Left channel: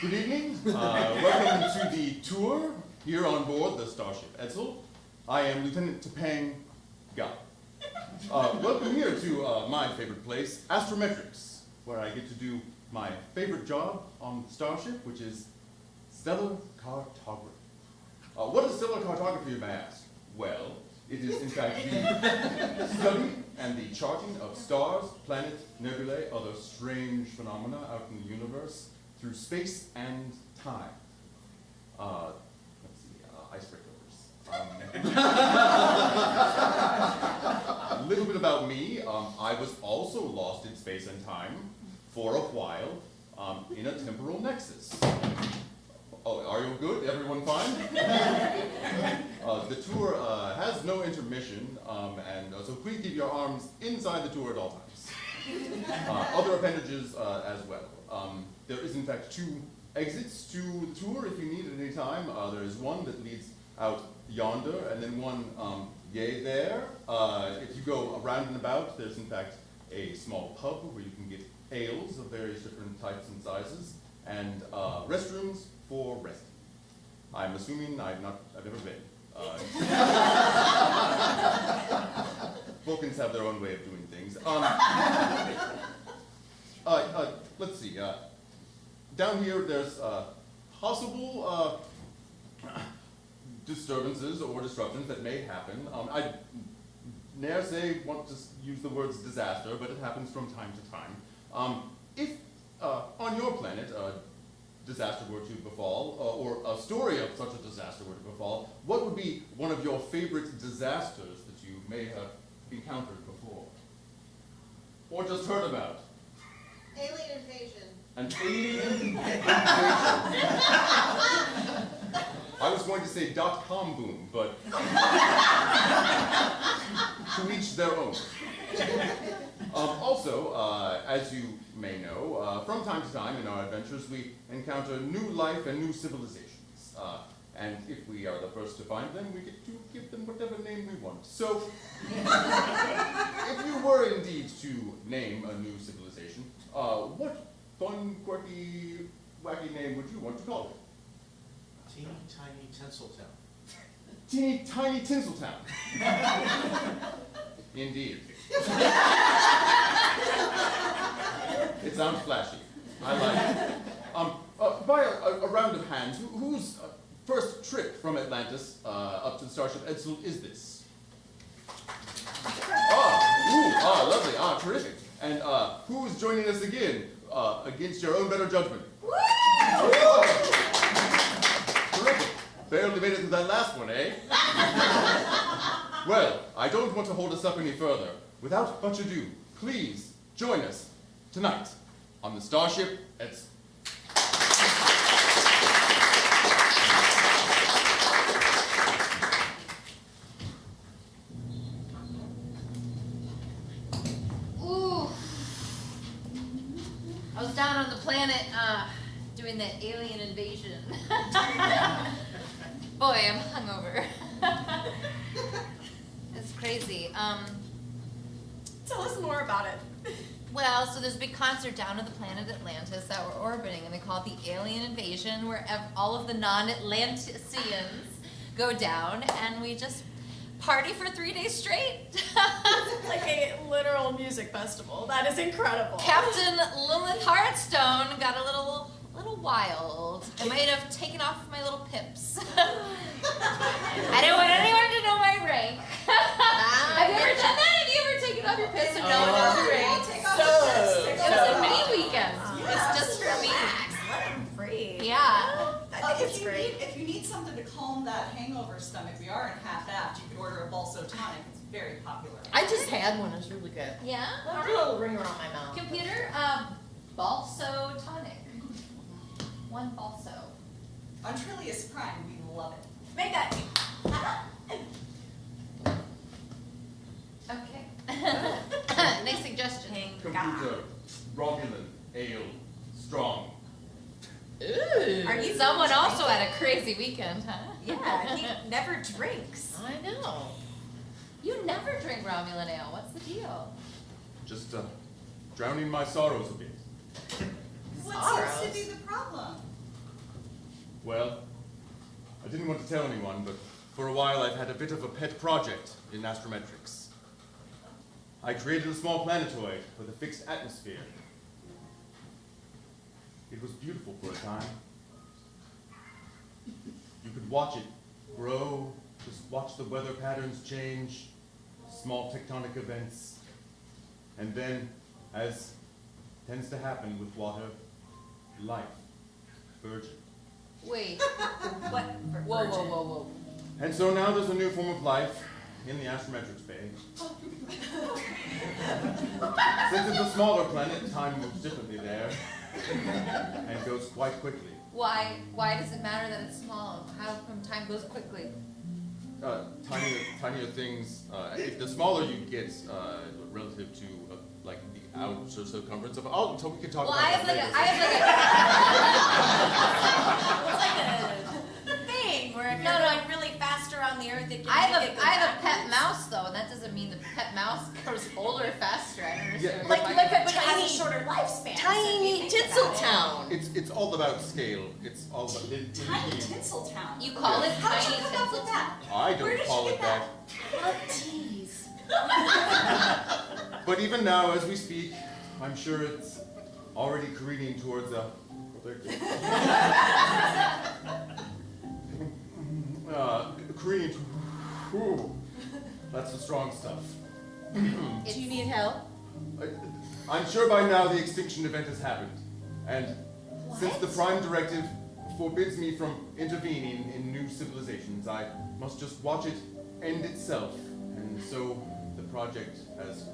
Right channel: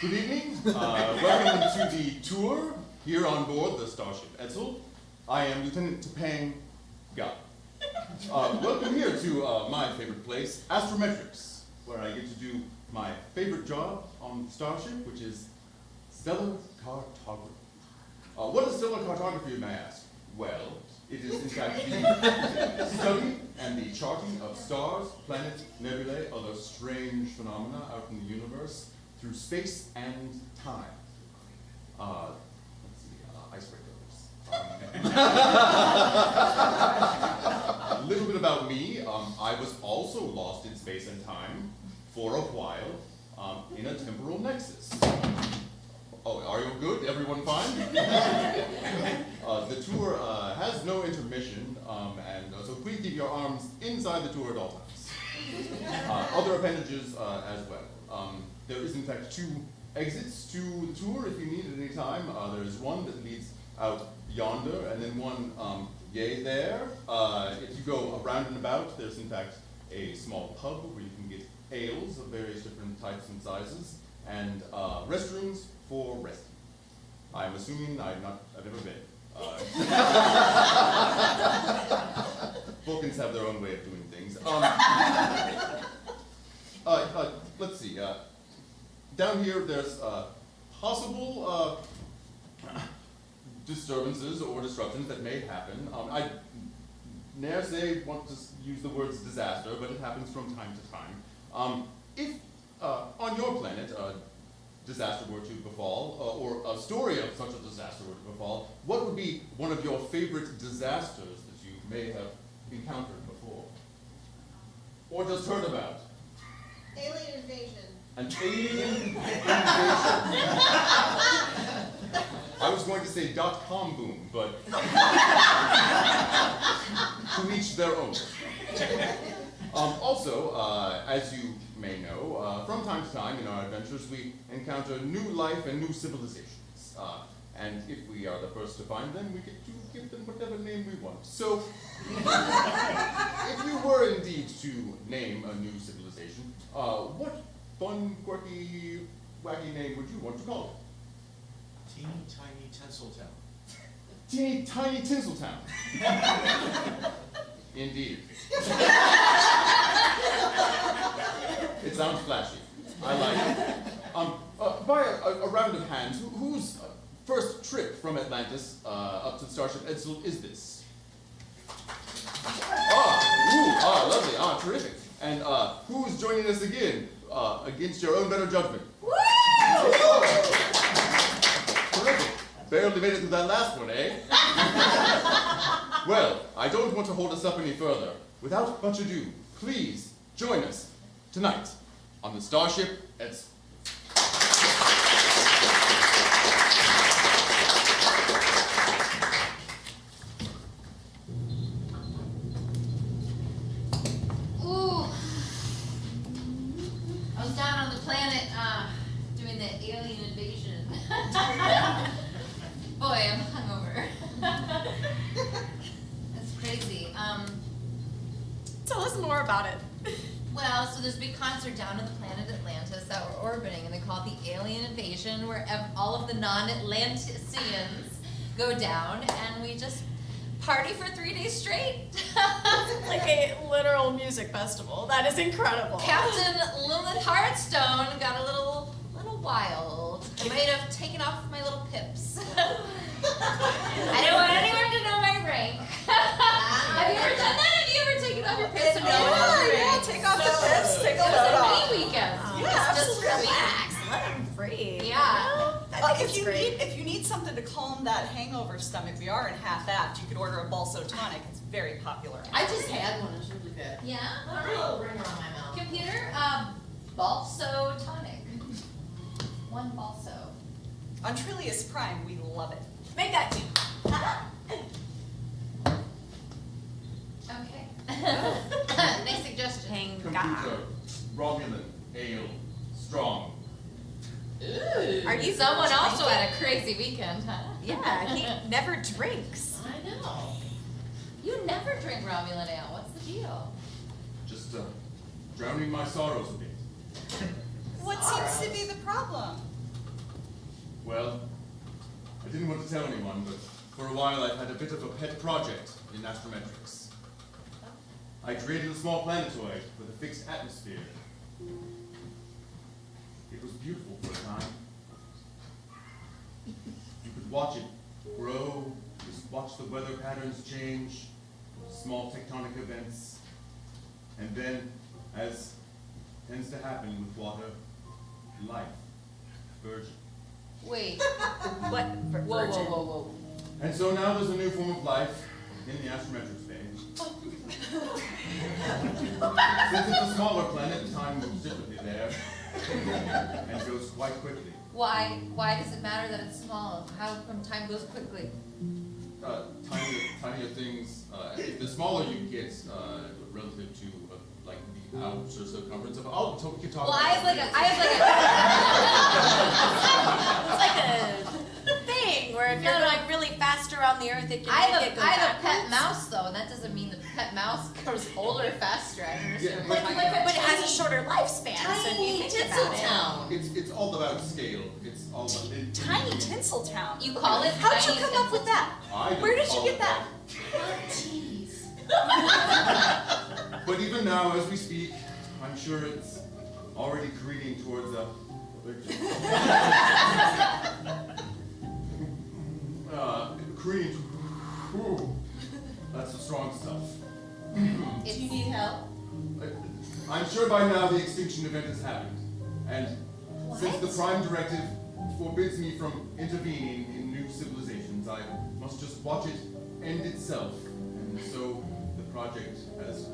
Good evening. Welcome to the tour here on board the Starship Edsel. I am Lieutenant Topang Ga. Welcome here to my favorite place, astrometrics, where I get to do my favorite job on Starship, which is stellar cartography. What is stellar cartography, you may ask? Well, it is in fact the study and the charting of stars, planets, nebulae, other strange phenomena out in the universe through space and time. Let's see, icebreakers. A little bit about me. I was also lost in space and time for a while in a temporal nexus. Oh, are you good? Everyone fine? The tour has no intermission, and so please keep your arms inside the tour at all times. Other appendages as well. There is in fact 2 exits to the tour if you need at any time. There is one that leads out yonder, and then one yay there. If you go around and about, there's in fact a small pub where you can get ales of various different types and sizes, and restrooms for resting. I'm assuming I've never been. Vulcans have their own way of doing things. Let's see. Down here, there's possible disturbances or disruptions that may happen. I ne'er say want to use the words disaster, but it happens from time to time. If on your planet a disaster were to befall, or a story of such a disaster were to befall, what would be one of your favorite disasters that you may have encountered before? Or just heard about? Alien invasion. An alien invasion. I was going to say .com boom, but to each their own. Also, as you may know, from time to time in our adventures we encounter new life and new civilizations. And if we are the first to find them, we get to give them whatever name we want. So, if you were indeed to name a new civilization, what fun, quirky, wacky name would you want to call it? Teeny Tiny Tinseltown. Teeny Tiny Tinseltown. Indeed. It sounds flashy. I like it. By a round of hands, whose first trip from Atlantis up to the Starship Edsel is this? Lovely. Terrific. And who's joining us again against your own better judgment? Woo! Terrific. Barely made it to that last one, eh? Well, I don't want to hold us up any further. Without much ado, please join us tonight on the Starship Edsel. Ooh. I was down on the planet doing the alien invasion. Boy, I'm hungover. It's crazy. Tell us more about it. Well, so there's a big concert down on the planet Atlantis that we're orbiting, and they call it the alien invasion, where all of the non-Atlanticians go down, and we just party for 3 days straight. It's like a literal music festival. That is incredible. Captain Lilith Heartstone got a little wild. I might have taken off my little pips. I don't want anyone to know my rank. Have you ever done that? Have you ever taken off your pips and known your rank? Take off the pips. Take off It was the a mini weekend. Yeah, Just for me. relax. Let him breathe. Yeah. I think it's great. If you need something to calm that hangover stomach, we are in half-aft. You could order a Balso tonic. It's very popular. I just had one. It was really good. Yeah. A little ringer on my mouth. Computer, Balso tonic. 1 Balso. On Trillius Prime, we love it. Make that tea. Okay. Nice suggestion. Computer, Romulan, ale, strong. Ooh. Are you Someone also had a crazy weekend, huh? Yeah, he never drinks. I know. You never drink Romulan ale. What's the deal? Just drowning my sorrows a bit. What Sorrows. seems to be problem? Well, I didn't want to tell anyone, but for a while I've had a bit of a pet project in astrometrics. I created a small planetoid with a fixed atmosphere. It was beautiful for a time. You could watch it grow, just watch the weather patterns change, small tectonic events, and then, as tends to happen with water, life, burgeon. Wait. What? Whoa, whoa, whoa, whoa. And so now there's a new form of life in the astrometrics phase. Since it's a smaller planet, time moves differently there, and goes quite quickly. Why does it matter that it's small? How come time goes quickly? Tinier things. The smaller you get, relative to like the outer circumference of. We can talk. Well, about I have It's like a thing where if you're No. going really fast around the Earth, it can I make it go have a pet backwards. mouse though, and that doesn't mean the pet mouse grows older faster. I don't understand. Yeah, what you're talking about. But it has a shorter lifespan. so if Tiny you think about it- Tinseltown. It's all about scale. It's all about Tiny Tinseltown. You call it How'd tiny you come up with that? I don't Where did call you it get that? Jeez. But even now, as we speak, I'm sure it's already careening towards a victory. Careening. Ooh, that's the strong stuff. Do you need help? I'm sure by now the extinction event has happened, and since the Prime Directive forbids me from intervening in new civilizations, I must just watch it end itself, and so the project has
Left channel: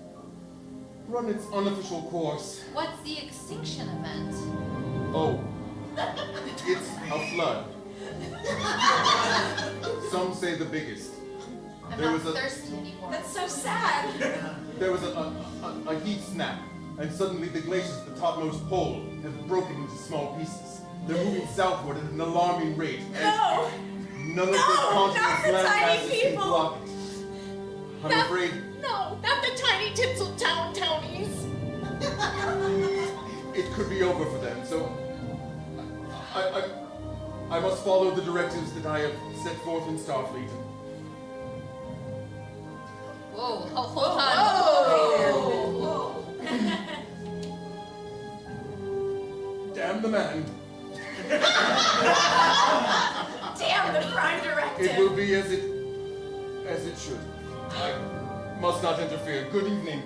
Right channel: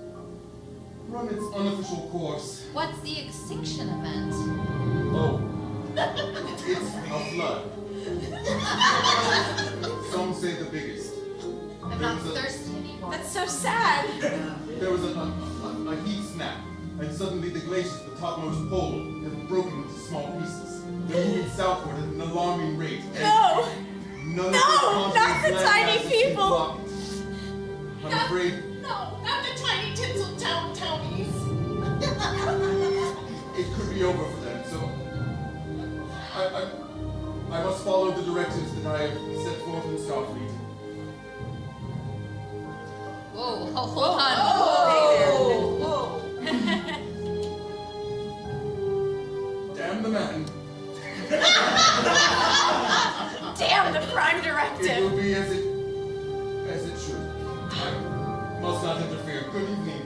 run its unofficial course. What's the extinction event? Oh, it's a flood. Some say the biggest. I'm There not was a- thirsty anymore. That's so sad. There was a heat snap, and suddenly the glaciers at the topmost pole have broken into small pieces. They're moving southward at an alarming rate, and No! none of No, the not continent's the land tiny masses can people. block it. I'm afraid No, not the tiny Tinseltown townies. it could be over for them, so I must follow the directives that I have set forth in Starfleet. Whoa, hold on. Whoa. Damn the man. Damn the Prime It Directive. will be as it should. I must not interfere. Good evening.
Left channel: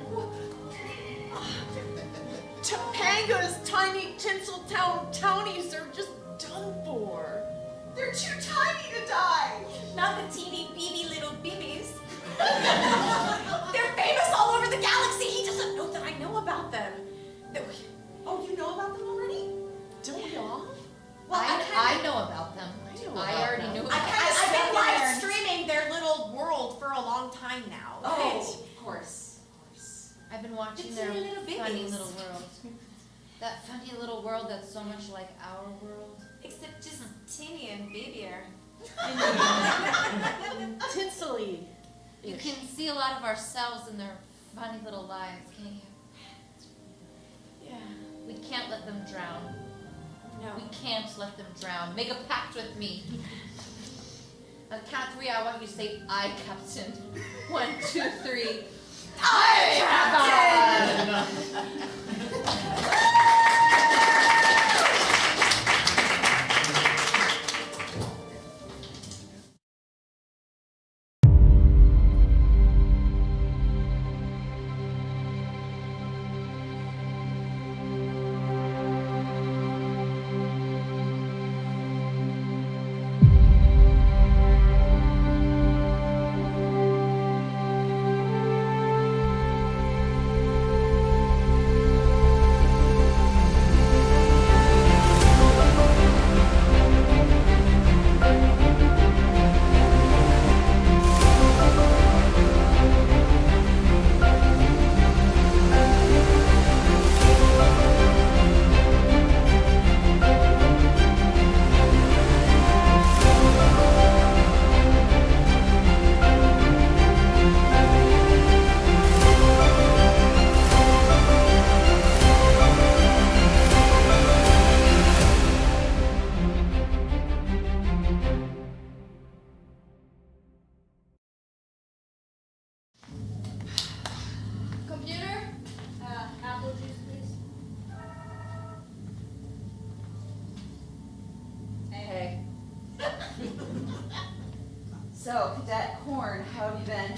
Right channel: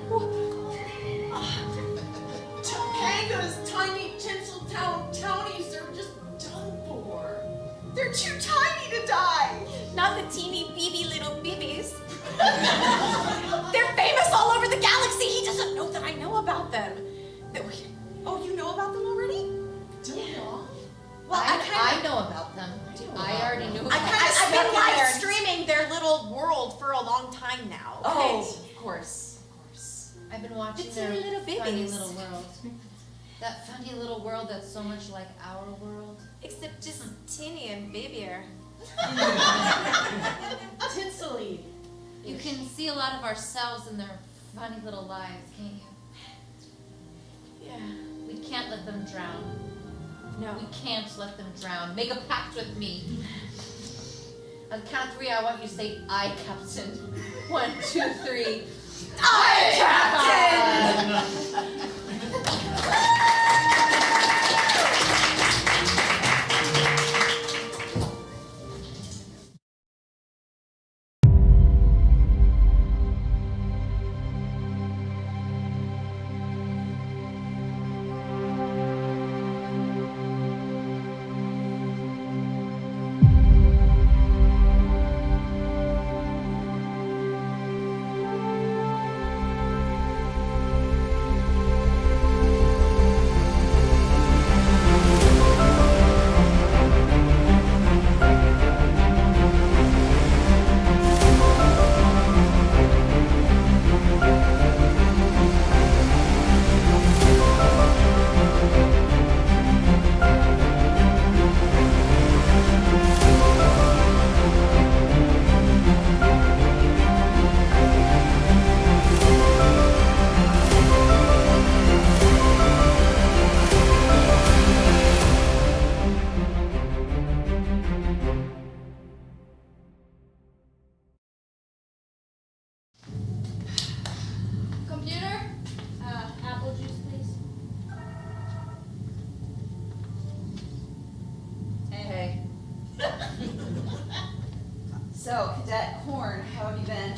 Topanga's tiny Tinseltown townies are just done for. They're too tiny to die. Not the teeny beady little babies. They're famous all over the galaxy. He doesn't know that I know about them. Oh, you know about them already? Do you know? Well, I know about them. I already knew about them. I've been live learned. streaming their little world for a long time now. Oh, Okay. of course. I've been watching The their teeny little funny babies. little world. That funny little world that's so much like our world. Except just teeny and babyer. Tinsely. You can see a lot of ourselves in their funny little lives, can't you? Yeah. We can't let them drown. No. We can't let them drown. Make a pact with me. On the count of 3, I want you to say, I, Captain. 1, 2, 3. I, So, Cadet Horn, how have you been?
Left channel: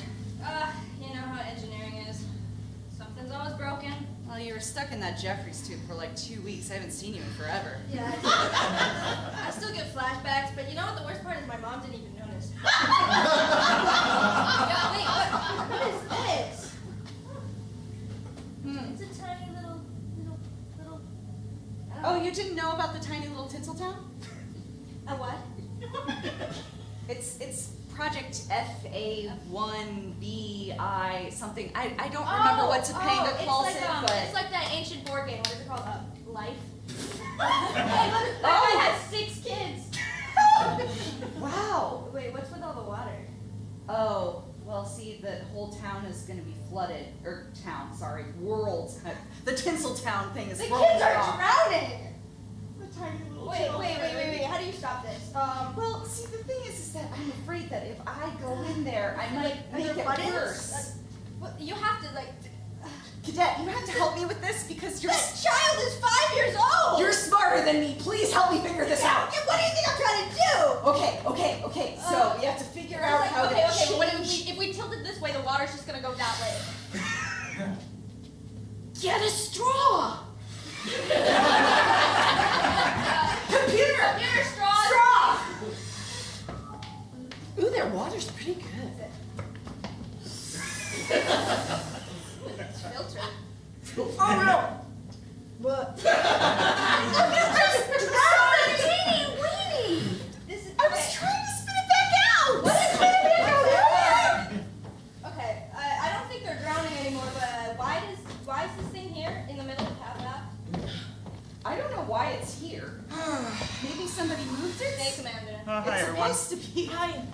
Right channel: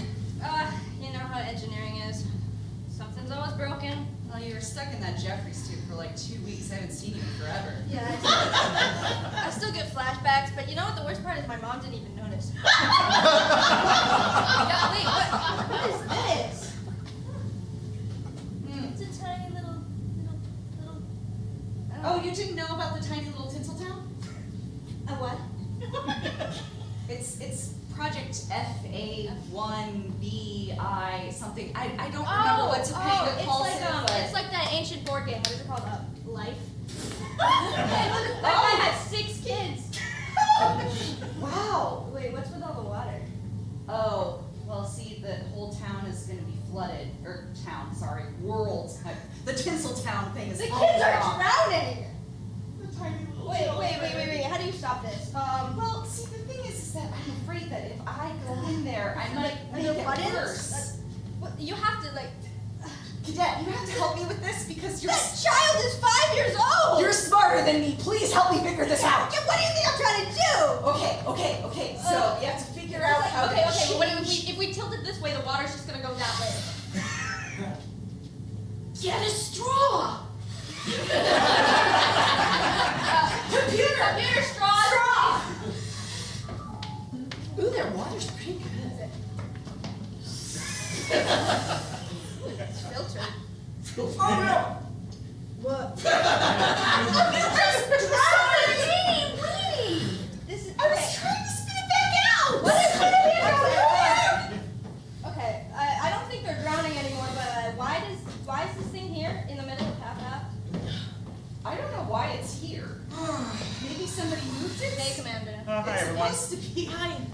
You know how engineering is. Something's always broken. Well, you were stuck in that Jeffries tube for like 2 weeks. I haven't seen you in forever. Yeah, I still get flashbacks, but you know what the worst part is? My mom didn't even notice. Yeah, wait, what is this? It's a tiny little. Oh, you didn't know about the tiny little Tinseltown? A what? It's Project FA1BI something. I don't remember what Topanga calls it, but... It's like that ancient board game. What is it called? Life? Hey, look, that guy has 6 kids. Wow. Wait, what's with all the water? Oh, well, see, the whole town is going to be flooded. Or town, sorry, world. The Tinseltown thing is The flowing kids are off. drowning! The tiny little Wait, children. how do you stop this? Well, see, the thing is that I'm afraid that if I go in there, I might Are make there it buttons? worse. You have to, like... Cadet, you have to help me with this because This child is 5 years old! you're smarter than me. Please help me figure this out. Yeah, what do you think I'm trying to do? Okay. So you have to figure out how to well, what change- if we tilt it this way, the water's just gonna go that way. Get a straw. Computer straw! Ooh, their water's pretty good. It's filtered. Oh no. What? Weenie! This is. I was trying to spit it back out. What is gonna be over here? Okay, I don't think they're drowning anymore, but why is this thing here in the middle of Path Aft? I don't know why it's here. Maybe somebody moved it. Day Commander. Hi, It's everyone. supposed to be.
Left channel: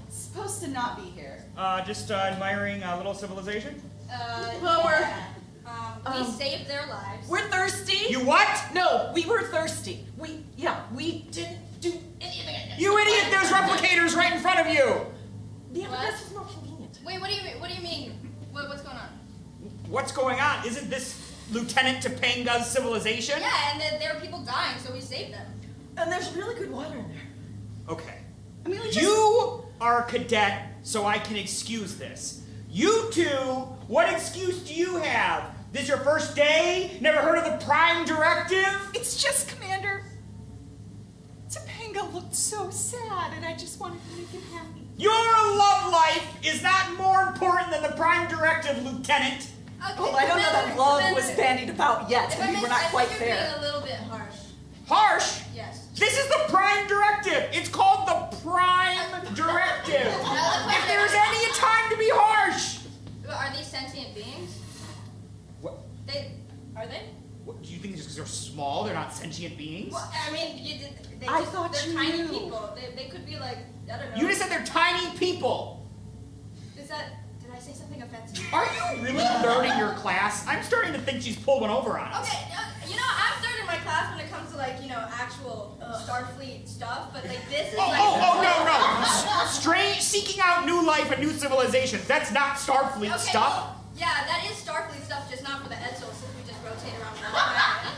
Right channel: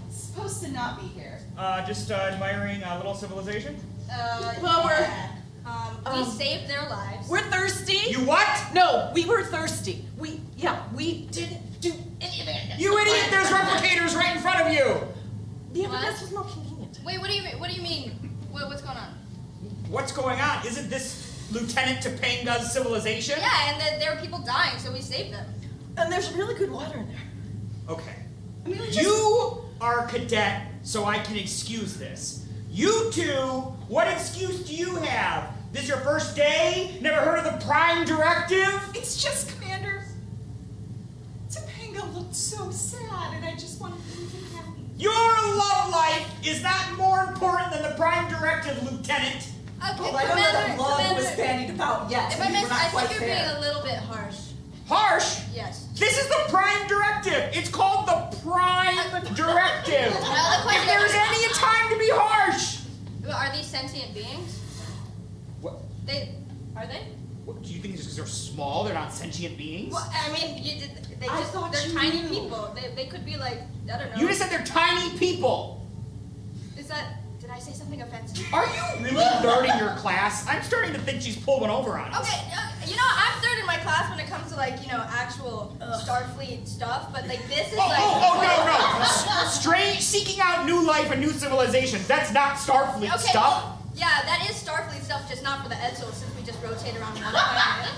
It's supposed to not be here. Just admiring a little civilization. We saved their lives. We're thirsty. You what? No, we were thirsty. We didn't do anything. You idiot! There's replicators right in front of you. Yeah, but What? this was more convenient. Wait, what do you mean? What do you mean? What's going on? What's going on? Isn't this Lieutenant Topanga's civilization? Yeah, and there were people dying, so we saved them. And there's really good water in there. Okay. I mean, we just... You are a cadet, so I can excuse this. You two, what excuse do you have? This your first day? Never heard of the Prime Directive? It's just, Commander. Topanga looked so sad, and I just wanted to make him happy. Your love life is not more important than the Prime Directive, Lieutenant. Okay, Well, I don't know that love was bandied about yet. If I I mean, we're not I quite think you're being there. a little bit harsh. Harsh? Yes. This is the Prime Directive. It's called the Prime Directive. If there's any time to be harsh. Are these sentient beings? What? Are they? What, do you think just because they're small, they're not sentient beings? Well, I mean, I thought they're you tiny knew. people. They could be like, I don't know. You just said they're tiny people. Is that? Did I say something offensive? Are you really learning your class? I'm starting to think she's pulled one over on us. Okay, you know, I'm third in my class when it comes to like, actual Starfleet stuff, but like this is Oh, like. no. Strange, seeking out new life and new civilization. That's not Starfleet Okay, stuff. well, yeah, that is Starfleet stuff, just not for the Edsel, since we just rotate around another planet.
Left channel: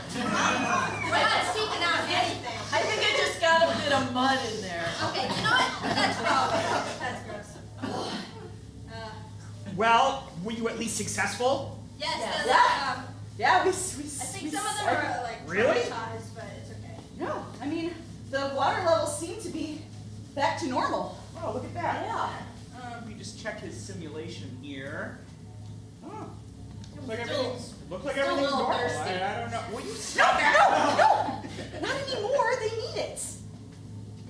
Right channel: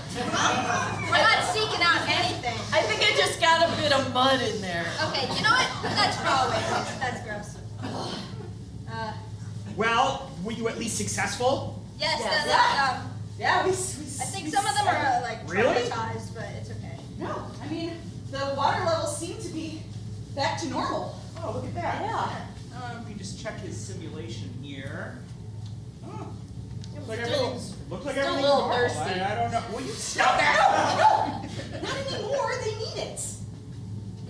We're not seeking out anything. I think I just got a bit of mud in there. Okay, you know what? Let's throw away. That's gross. Well, were you at least successful? Yes, Yeah. I we think some of them are like Really? traumatized, but it's okay. No, I mean, the water levels seem to be back to normal. Oh, look at that. Yeah. Let me just check his simulation here. Oh, looks like Still- everything's, looks like still a everything's little normal. thirsty. I don't know. Will you No, stop that? no, not anymore. They need it.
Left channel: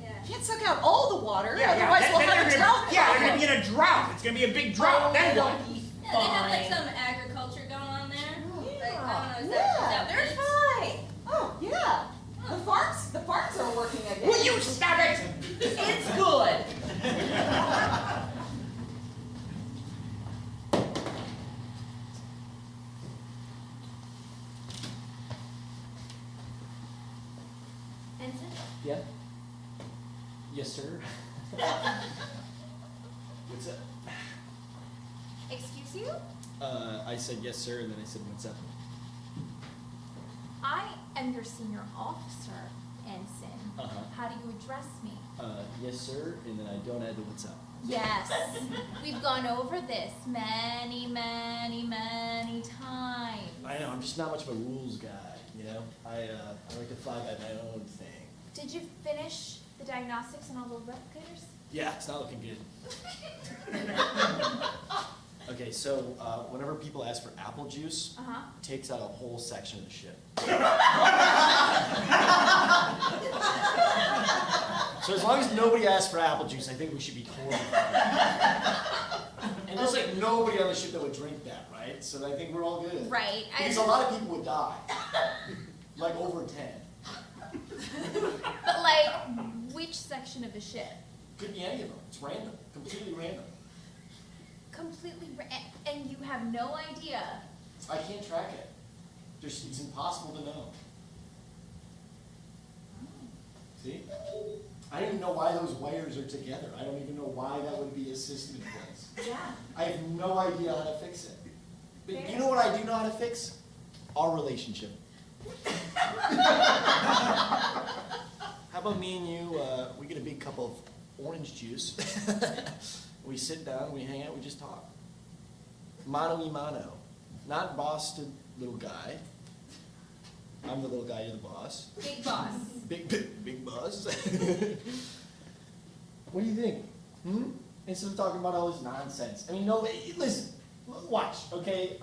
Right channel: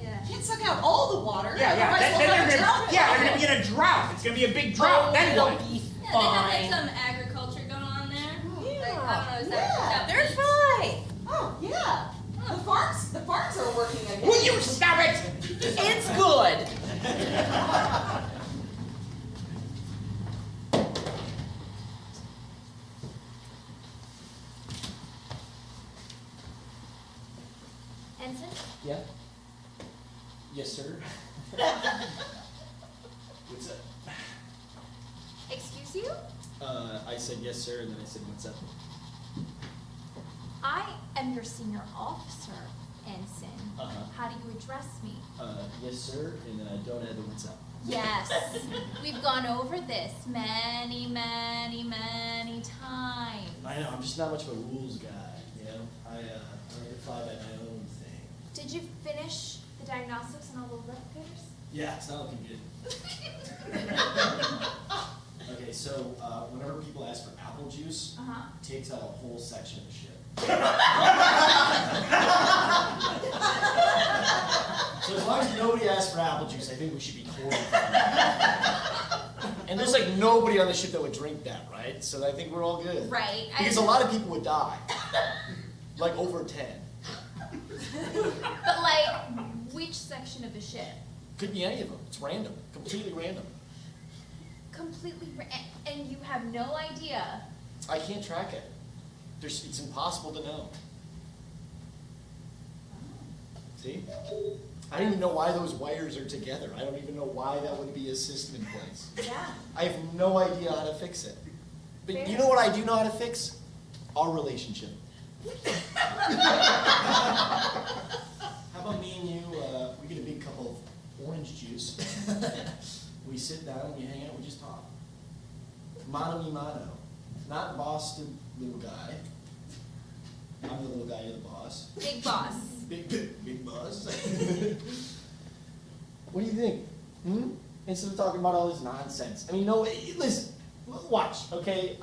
Yeah. Can't suck out all the water. Yeah. Otherwise Then we'll have a they're drought. gonna, yeah, they're gonna be in a drought. It's gonna be a big drought. Then it'll what? be Yeah, they have fine. like some agriculture going on there. Like, I don't know, is Yeah. that They're beef? fine. Oh, yeah. The farms are working again. Will you stop it? It's good. Ensign? Yeah? Yes, sir. What's up? Excuse you? I said yes, sir, and then I said what's up. I am your senior officer, Ensign. Uh-huh. How do you address me. Yes, sir, and then I don't add the what's up. Yes, we've gone over this many, many, many times. I know, I'm just not much of a rules guy, you know? I like to fly by my own thing. Did you finish the diagnostics on all the replicators? Yeah, it's not looking good. Okay, so whenever people ask for apple juice, it takes out a whole section of the ship. So as long as nobody asks for apple juice, I think we should be totally fine. And there's like nobody on the ship that would drink that, right? So I think we're all good. Right. Because a lot of people would die. Like over 10. But like, which section of the ship? Could be any of them. It's random. Completely random. And you have no idea. I can't track it. It's impossible to know. See? I don't even know why those wires are together. I don't even know why that would be a system in place. Yeah. I have no idea how to fix it. But you know what I do know how to fix? Our relationship. How about me and you, we get a big cup of orange juice. We sit down, we hang out, we just talk. Mano y mano. Not boss to little guy. I'm the little guy, you're the boss. Big boss. Big boss. What do you think? Instead of talking about all this nonsense. I mean, no, listen, watch, okay?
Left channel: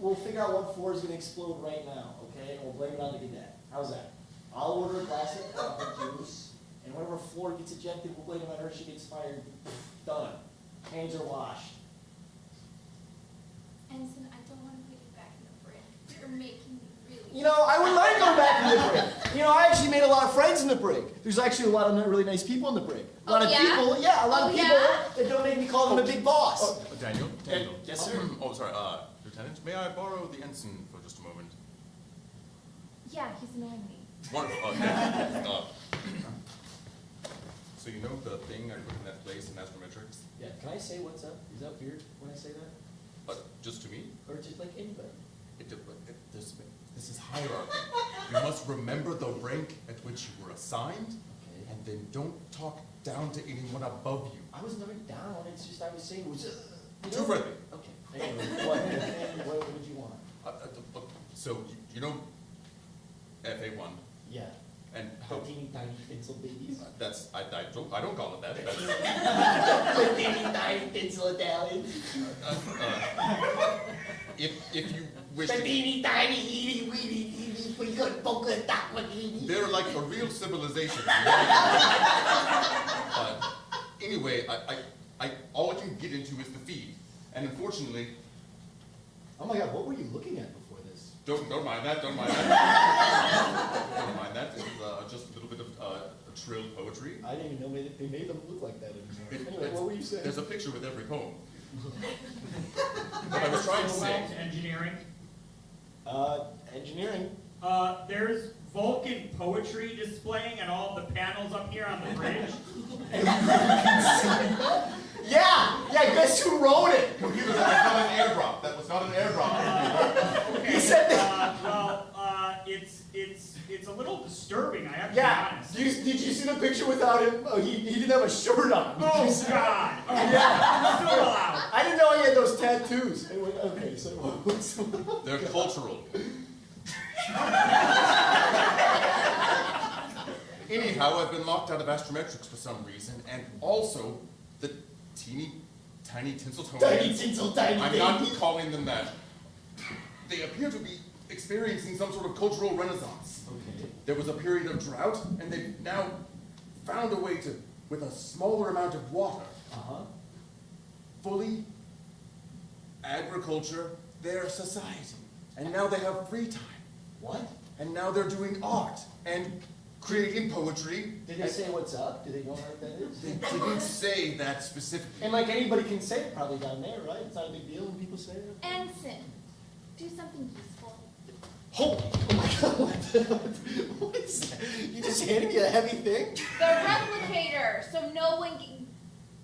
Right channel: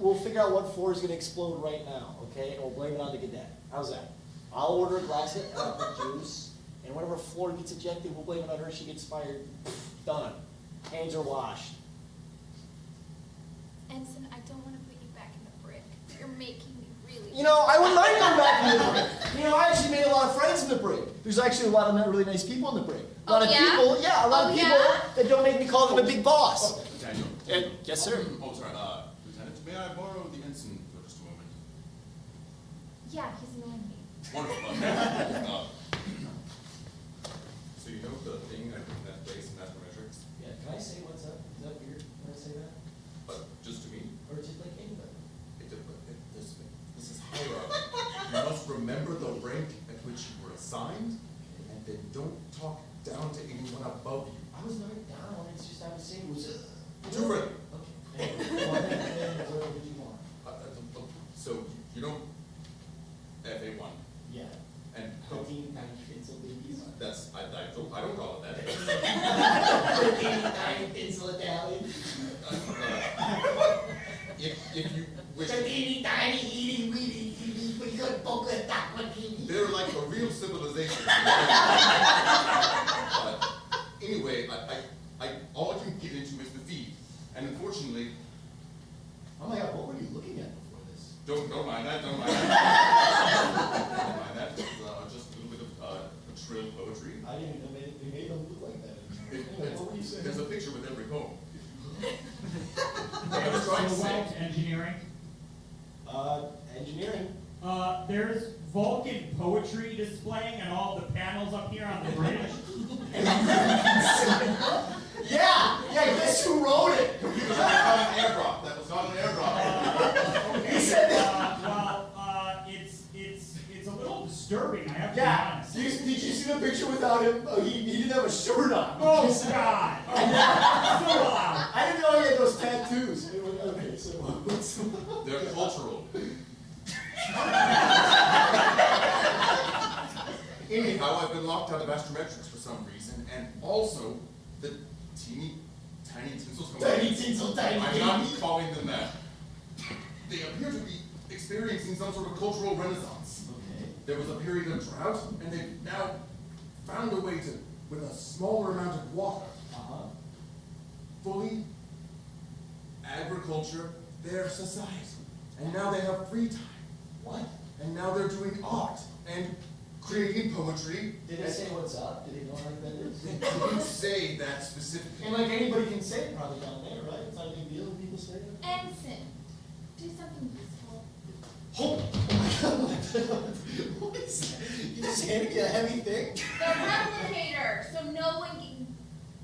We'll figure out what floor is going to explode right now, okay? And we'll blame it on the cadet. How's that? I'll order a glass of apple juice, and whenever floor gets ejected, we'll blame it on her, she gets fired. Done. Hands are washed. Ensign, I don't want to put you back in the brig. You're making me really... You know, I wouldn't mind going back in the brig. You know, I actually made a lot of friends in the brig. There's actually a lot of really nice people in the brig. A lot of people that don't make me call them a big boss. Daniel? Yes, sir? Oh, sorry, Lieutenant, may I borrow the ensign for just a moment? Yeah, he's annoying me. Wonderful. So you know the thing I put in that place in Astrometrics? Yeah, can I say what's up? Is that weird when I say that? Just to me? Or just like anybody? This is hierarchy. You must remember the rank at which you were assigned, and then don't talk down to anyone above you. I was looking down on it, it's just I was saying was Too early. Okay. Anyway, what did you want? So, you know FA1? Yeah. And Teeny tiny pencil babies. I don't call it that. Teeny tiny pencil Italian. If you wish, The teeny tiny eaty weedy teeny we could poke a dot with eaty. they're like a real civilization. But anyway, all I can get into is the feed, and unfortunately, Oh my god, what were you looking at before this? don't mind that. Don't mind that. Don't mind that. It's just a little bit of trill poetry. I didn't even know they made them look like that anymore. Anyway, what were you saying? There's a picture with every poem. What I was trying to say. Engineering. Engineering. There's Vulcan poetry displaying and all the panels up here on the bridge. Yeah, guess who wrote it? Computers that was not an airdrop. That was not an airdrop. He said that. It's a little disturbing. I have to be Yeah. honest. Did you see the picture without him? Oh, he didn't have a shirt on. Oh God! Oh, Yeah. still allowed. I didn't know he had those tattoos. Okay, so what's They're cultural. Anyhow, I've been locked out of astrometrics for some reason, and also the teeny tiny Tinseltones. Tiny tinsel tiny I'm baby. not calling them that. They appear to be experiencing some sort of cultural renaissance. Okay. There was a period of drought, and they've now found a way to, with a smaller amount of water, fully agriculture their society. And now they have free time. What? And now they're doing art and creating poetry. Did they say what's up? Did they know how that is? They didn't say that specifically. And like anybody can say it probably down there, right? It's not a big deal when people say it. Ensign, do something useful. Oh my god, what is that? You just handed me a heavy thing? The replicator, so no one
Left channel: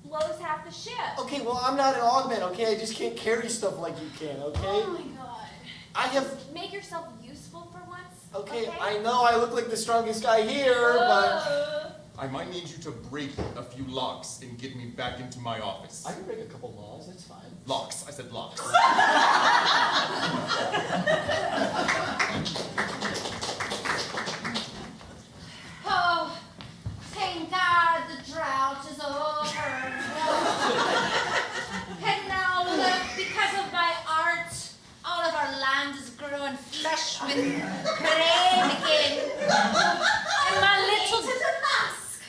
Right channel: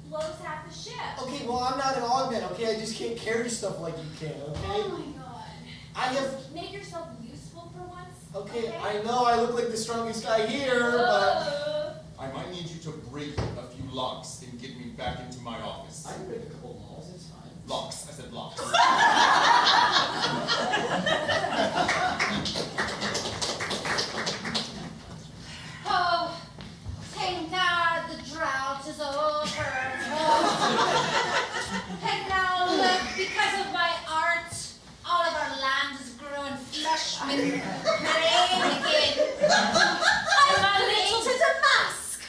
blows half the ship. Okay, well I'm not an augment, okay? I just can't carry stuff like you can, okay? Oh my god. I have... Make yourself useful for once. Okay, I know I look like the strongest guy here, but... I might locks and get me back into my office. I can make a couple laws, that's fine. Locks. I said locks. Oh, thank God the drought is over. And now look, because of my art, all of our land is growing flush with grain again. And my little... It is a mask.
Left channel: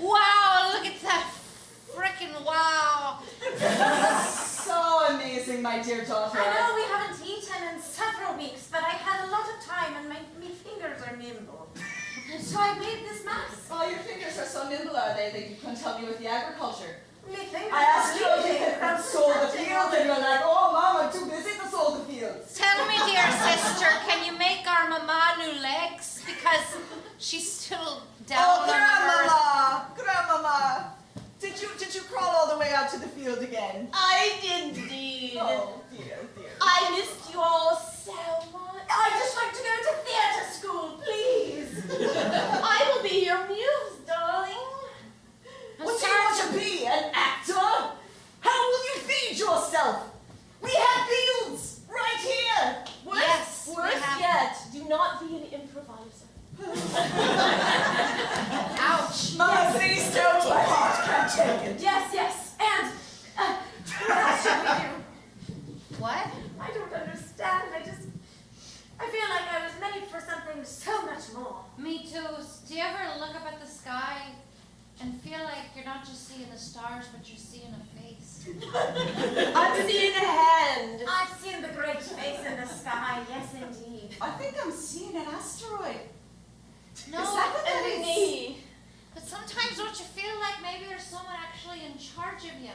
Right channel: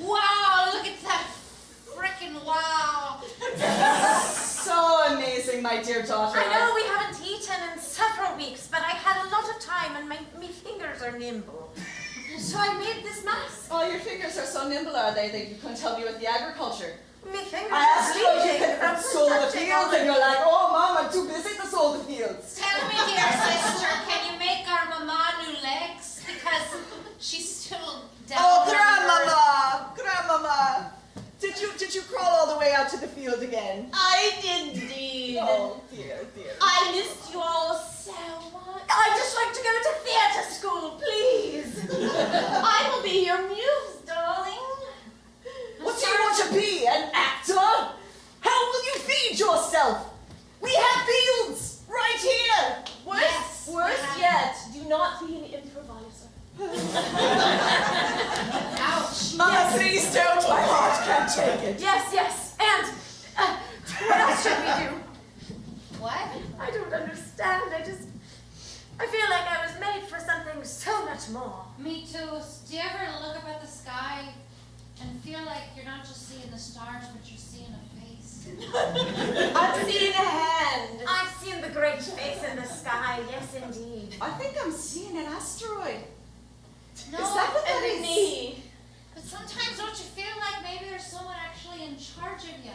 Wow, look at that frickin' wow. So amazing, my dear daughter. I know we haven't eaten in several weeks, but I had a lot of time and my fingers are nimble. So I made this mask. Oh, your fingers are so nimble, are they, that you couldn't help me with the agriculture? My fingers I asked are you if you bleeding could from sow the touching fields, all and you're like, oh, Mom, I'm too busy to sow the fields. Tell me, dear sister, can you make our mama new legs? Because she's still down Oh, on the earth. Grandmama! Did you crawl all the way out to the field again? I did indeed. Oh, dear, dear. I missed you all so much. I'd just like to go to theatre school, please. I will be your muse, darling. What do you want to be, an actor? How will you feed yourself? We have fields right here. Worse, Yes, worse we have- yet, do not be an improviser. Ouch. Mama, please don't. My heart can't take it. Yes, and what else should we do? What? I don't understand. I feel like I was made for something so much more. Me too. Do you ever look up at the sky and feel like you're not just seeing the stars, but you're seeing a face? I'm seeing a hand. I've seen the great face in the sky, yes indeed. I think I'm seeing an asteroid. No, Is that what that And is? me. but sometimes don't you feel like maybe there's someone actually in charge of you?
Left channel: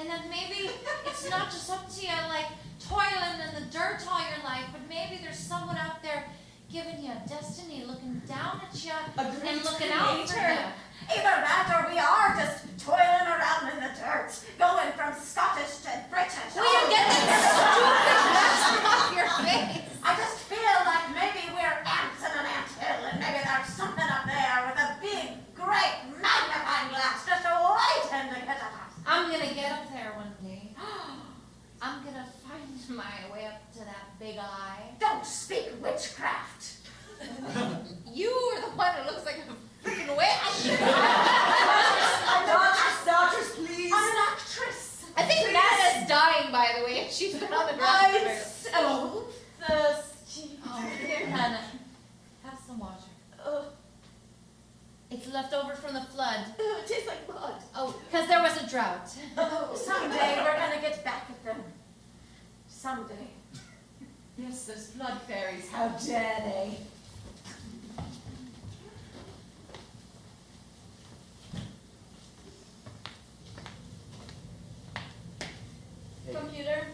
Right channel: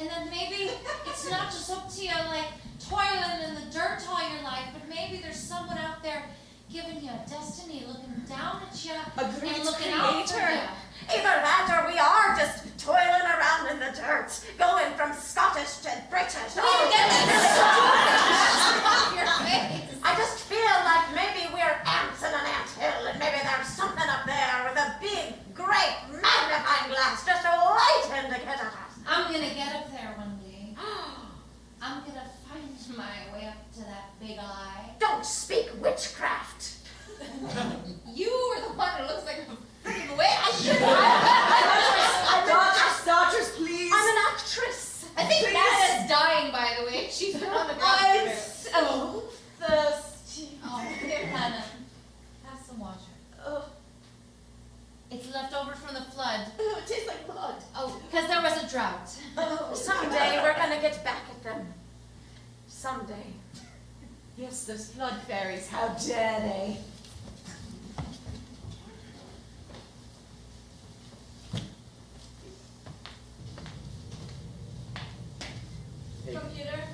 And then maybe it's not just up to you, like toiling in the dirt all your life, but maybe there's someone out there giving you a destiny, looking down at you A great and looking out for creator. you. Either that or we are just toiling around in the dirt, going from Scottish to British. Will you get that off your face? I just feel like maybe we're ants in an anthill, and maybe there's something up there with a big, great magnifying glass just waiting to get at us. I'm gonna get up there one day. I'm gonna find my way up to that big eye. Don't speak witchcraft. You are the one who looks like a freaking witch. Daughters, please. I'm an actress. I think Nana's dying, by the way. She's been on the ground. I'm so thirsty. Oh, here, Hannah. Have some water. Oh, It's left over from the flood. it tastes like mud. Oh, because there was a drought. Oh, someday we're gonna get back at them. Someday. Yes, those flood fairies. How dare they? Hey, Computer,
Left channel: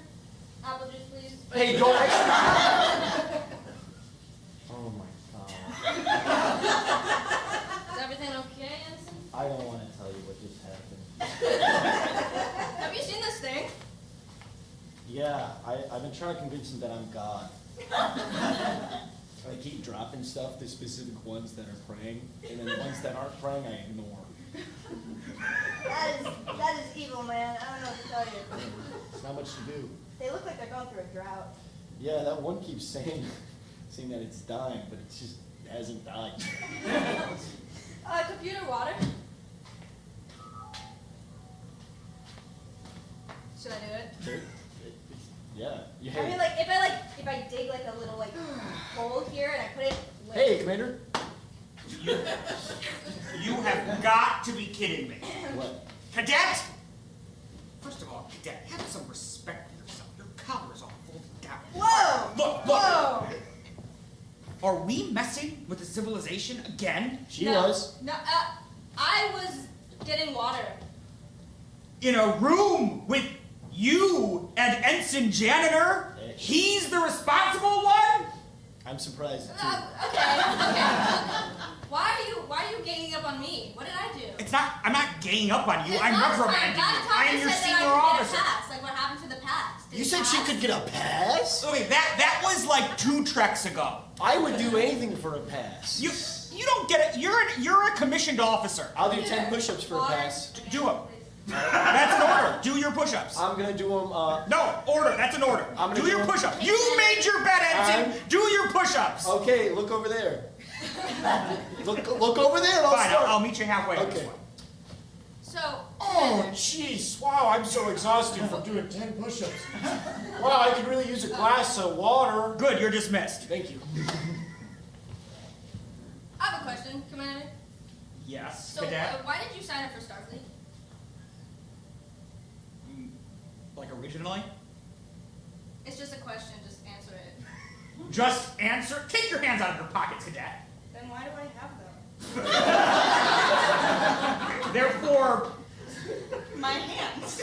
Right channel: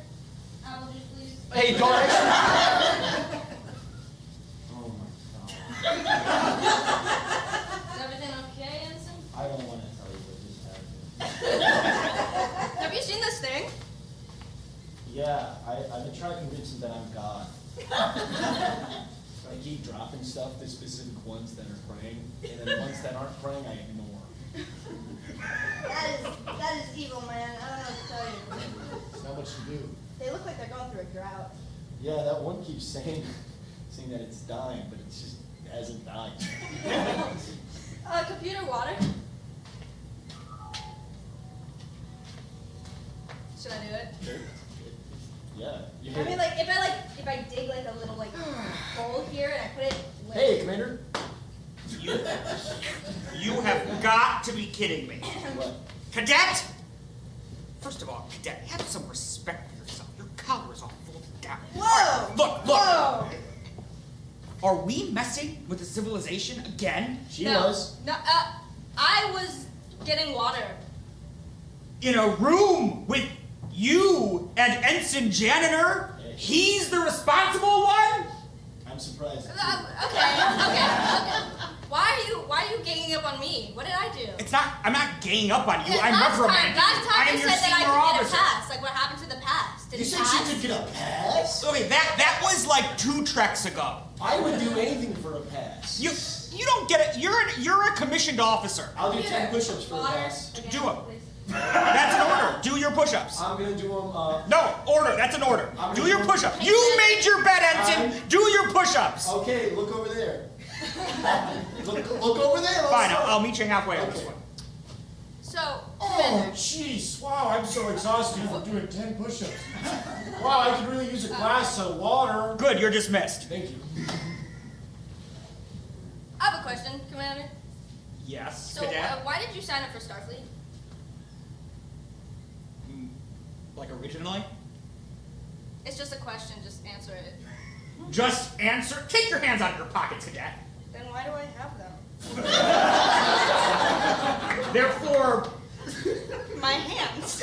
apple juice, please. hey, don't. Oh my god. Is everything okay, Ensign? I don't want to tell you what just happened. Have you seen this thing? Yeah, I've been trying to convince him that I'm God. I keep dropping stuff to specific ones that are praying, and then the ones that aren't praying, I ignore. That is evil, man. I don't know what to tell you. There's not much to do. They look like they're going through a drought. Yeah, that one keeps saying that it's dying, but it just hasn't died. Computer water. Should I do it? Yeah. You I mean, like, if I dig like a little like hole here and I put it. Like, Hey, Commander. You have got to be kidding me. What? Cadet! First of all, Cadet, have some respect for yourself. Your collar is all folded down. Whoa! Look! Whoa! Are we messing with the civilization again? She No. was. No, I was getting water. In a room with you and Ensign Janitor? He's the responsible one? I'm surprised. Okay. Why are you ganging up on me? What did I do? I'm not ganging up on you. Yeah, I'm last reprimanding time you. you I'm your said that I senior could get a officer. pass. Like what happened to the past? Did You it said she pass? could get a pass? Okay, that was like 2 treks ago. I would do anything for a pass. You You don't get it. You're a commissioned officer. I'll do 10 push-ups for a pass. Do them. That's an order. Do your push-ups. I'm gonna do them. No, order. That's an order. Do your push-ups. You made your bed, Ensign. Do your push-ups. Okay, look over there. look over there. Fine, I'll meet you halfway on this Okay. one. So, Oh, jeez. Wow, I'm so exhausted from doing 10 push-ups. Wow, I could really use a glass of water. Good, you're dismissed. Thank you. I have a question, Commander. Yes, So, Cadet. why did you sign up for Starfleet? Like originally? It's just a question, just answer it. Just answer. Take your hands out of your pockets, Cadet. Then why do I have them? Therefore, My hands.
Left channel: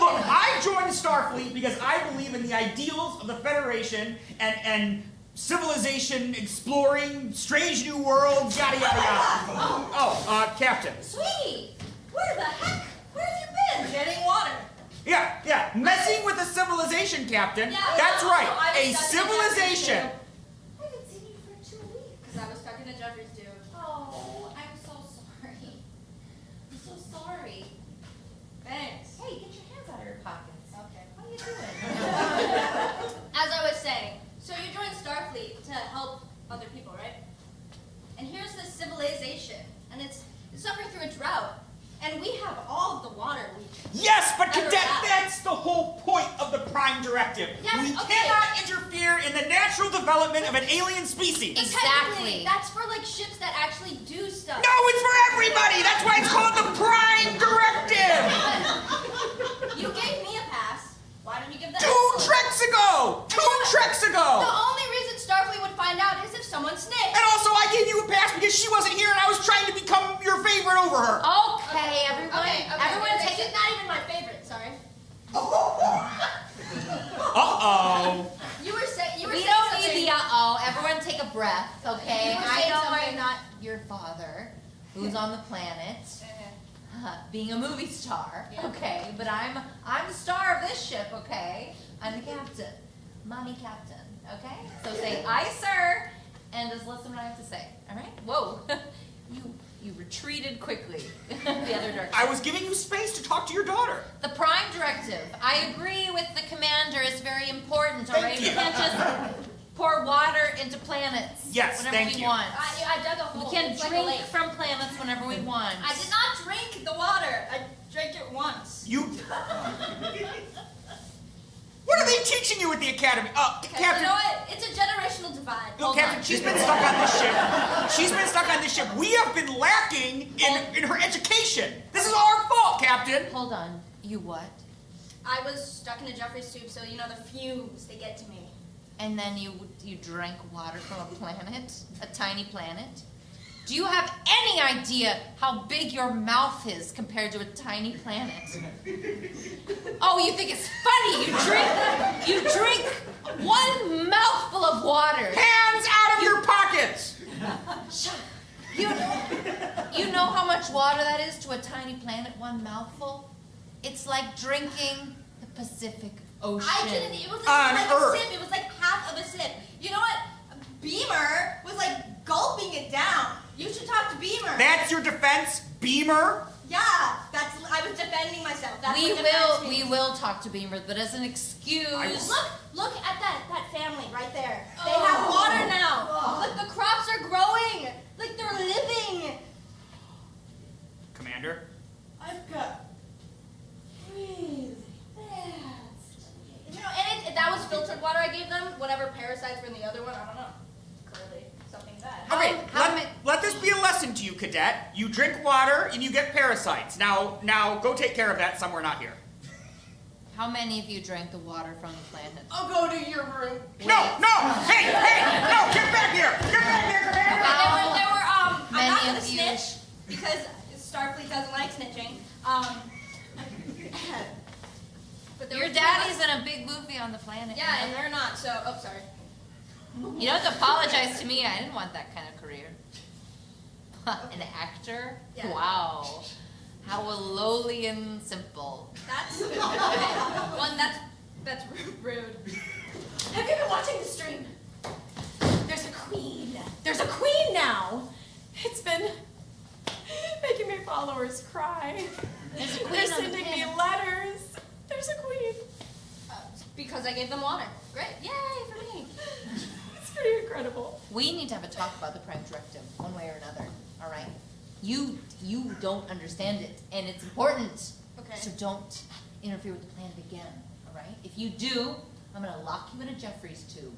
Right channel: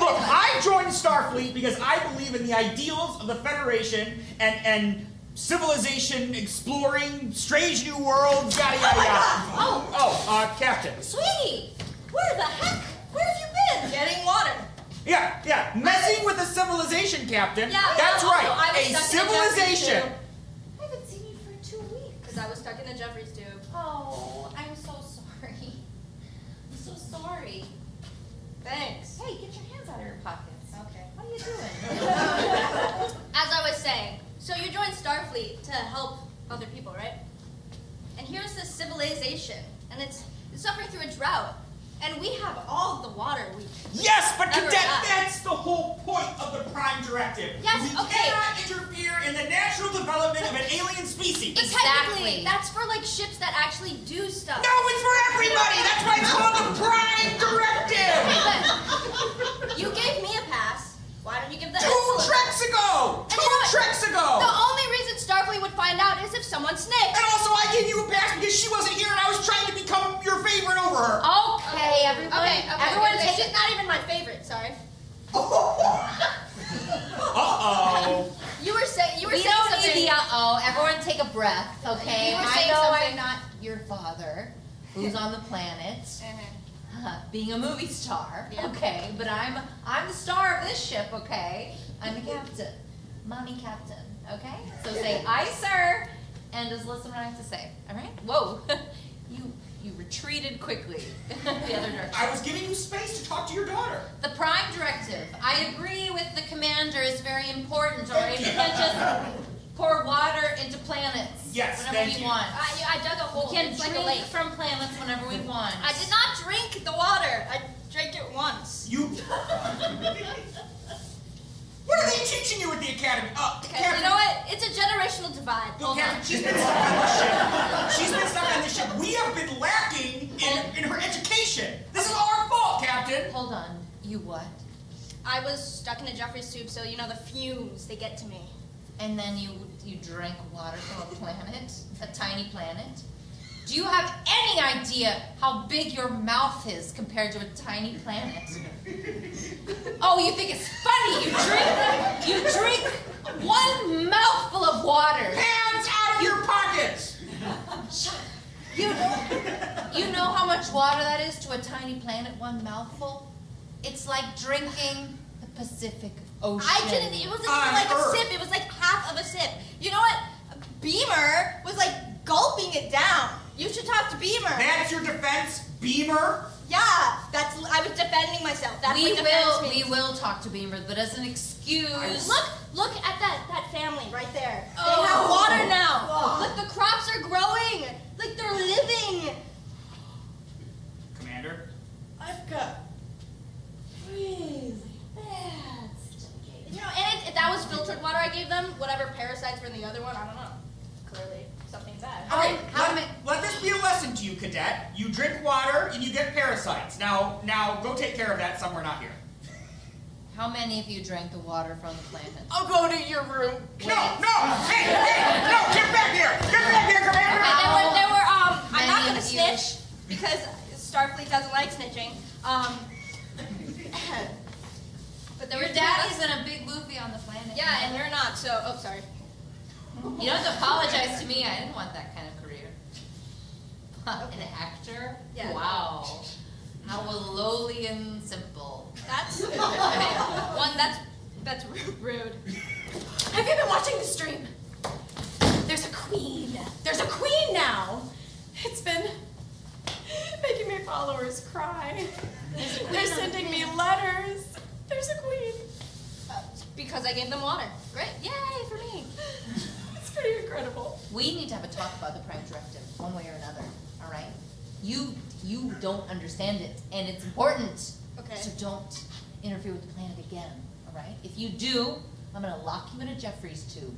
look, I joined Starfleet because I believe in the ideals of the Federation and civilization, exploring strange new worlds, yada yada yada. Captain. Sweetie, where the heck? Where have you been? Getting water. Yeah, messing with a civilization, Captain. Yeah, That's also, right, I was a stuck in a Jeffries civilization. tube. I haven't seen you for 2 weeks. Because I was stuck in a Jeffries tube. Oh, I'm so sorry. I'm so sorry. Thanks. Hey, get your hands out of your pockets. Okay. What are you doing? As I was saying, so you joined Starfleet to help other people, right? And here's this civilization, and it's suffering through a drought. And we have all the water we Yes, but ever Cadet, had. that's the whole point of the Prime Directive. Yes, we okay. cannot interfere in the natural development of an alien species. But Exactly. technically, that's for like ships that actually do stuff. No, it's for everybody. That's why it's called the Prime Directive. You gave me a pass. Why don't you give them? Two treks ago. And you know what? The ago. only reason Starfleet would find out is if someone snaked. And also, I gave you a pass because she wasn't here, and I was trying to become your favorite over her. Okay, everyone. Everyone take She's it. not even my favorite. Sorry. Uh-oh. You were saying. We don't need the uh-oh. Everyone take a breath, okay? You were I saying know something. I'm not your father, who's on the planet, being a movie star, Yeah. okay? But I'm the star of this ship, okay? I'm the captain. Mommy captain, okay? So say, aye, sir, and just listen to what I have to say, all right? Whoa. You retreated quickly the other direction. I was giving you space to talk to your daughter. The Prime Directive. I agree with the commander. It's very important, all right? Thank We you. can't just pour water into planets Yes, whenever thank we you. want. I dug a hole. We can It's like a drink lake. from planets whenever we want. I did not drink the water. I drank it once. You... What are they teaching you at the academy? Okay, Captain... you know what? It's a generational divide. Look, Hold Captain, on. she's been stuck on this ship. She's been stuck on this ship. We have been lacking in her education. This is our fault, Captain. Hold on. You what? I was stuck in a Jeffries tube, so you know the fumes, they get to me. And then you drank water from a planet? A tiny planet? Do you have any idea how big your mouth is compared to a tiny planet? Oh, you think it's funny? You drink one mouthful of water. Hands out of your pockets. You know how much water that is to a tiny planet, one mouthful? It's like drinking the Pacific Ocean. I didn't, it wasn't On like Earth. a sip, it was like half of a sip. You know what? Beamer was like gulping it down. You should talk to Beamer. That's your defense, Beamer? Yeah, I was defending myself. That's We what defense means. we will talk to Beamer, but as an excuse. Look at that family right there. They have water now. Look, the crops are growing. Like they're living. Commander? I've got really bad stomach. You know, and that was filtered water I gave them. Whatever parasites were in the other one, I don't know. Curly, something bad. All right, let this be a lesson to you, Cadet. You drink water and you get parasites. Now go take care of that somewhere not here. How many of you drank the water from the planet? I'll go to your room. No! Hey! No! Get back here! Get back here, Commander! They were I'm many not gonna of you- snitch because Starfleet doesn't like snitching. But there Your were daddy's in a big movie on the planet. Yeah, and they're not. So, sorry. You don't have to apologize to me. I didn't want that kind of career. An actor? Yeah. Wow. How lowly and simple. That's okay. That's rude. Have you been watching the stream? There's a queen there's a queen now. It's been making my followers cry. They're sending me letters. There's a queen. Because I gave them water. Great. Yay for me. It's pretty incredible. We need to have a talk about the Prime Directive, one way or another, all right? You don't understand it, and it's important. Okay. So don't interfere with the planet again, all right? If you do, I'm gonna lock you in a Jeffries tube.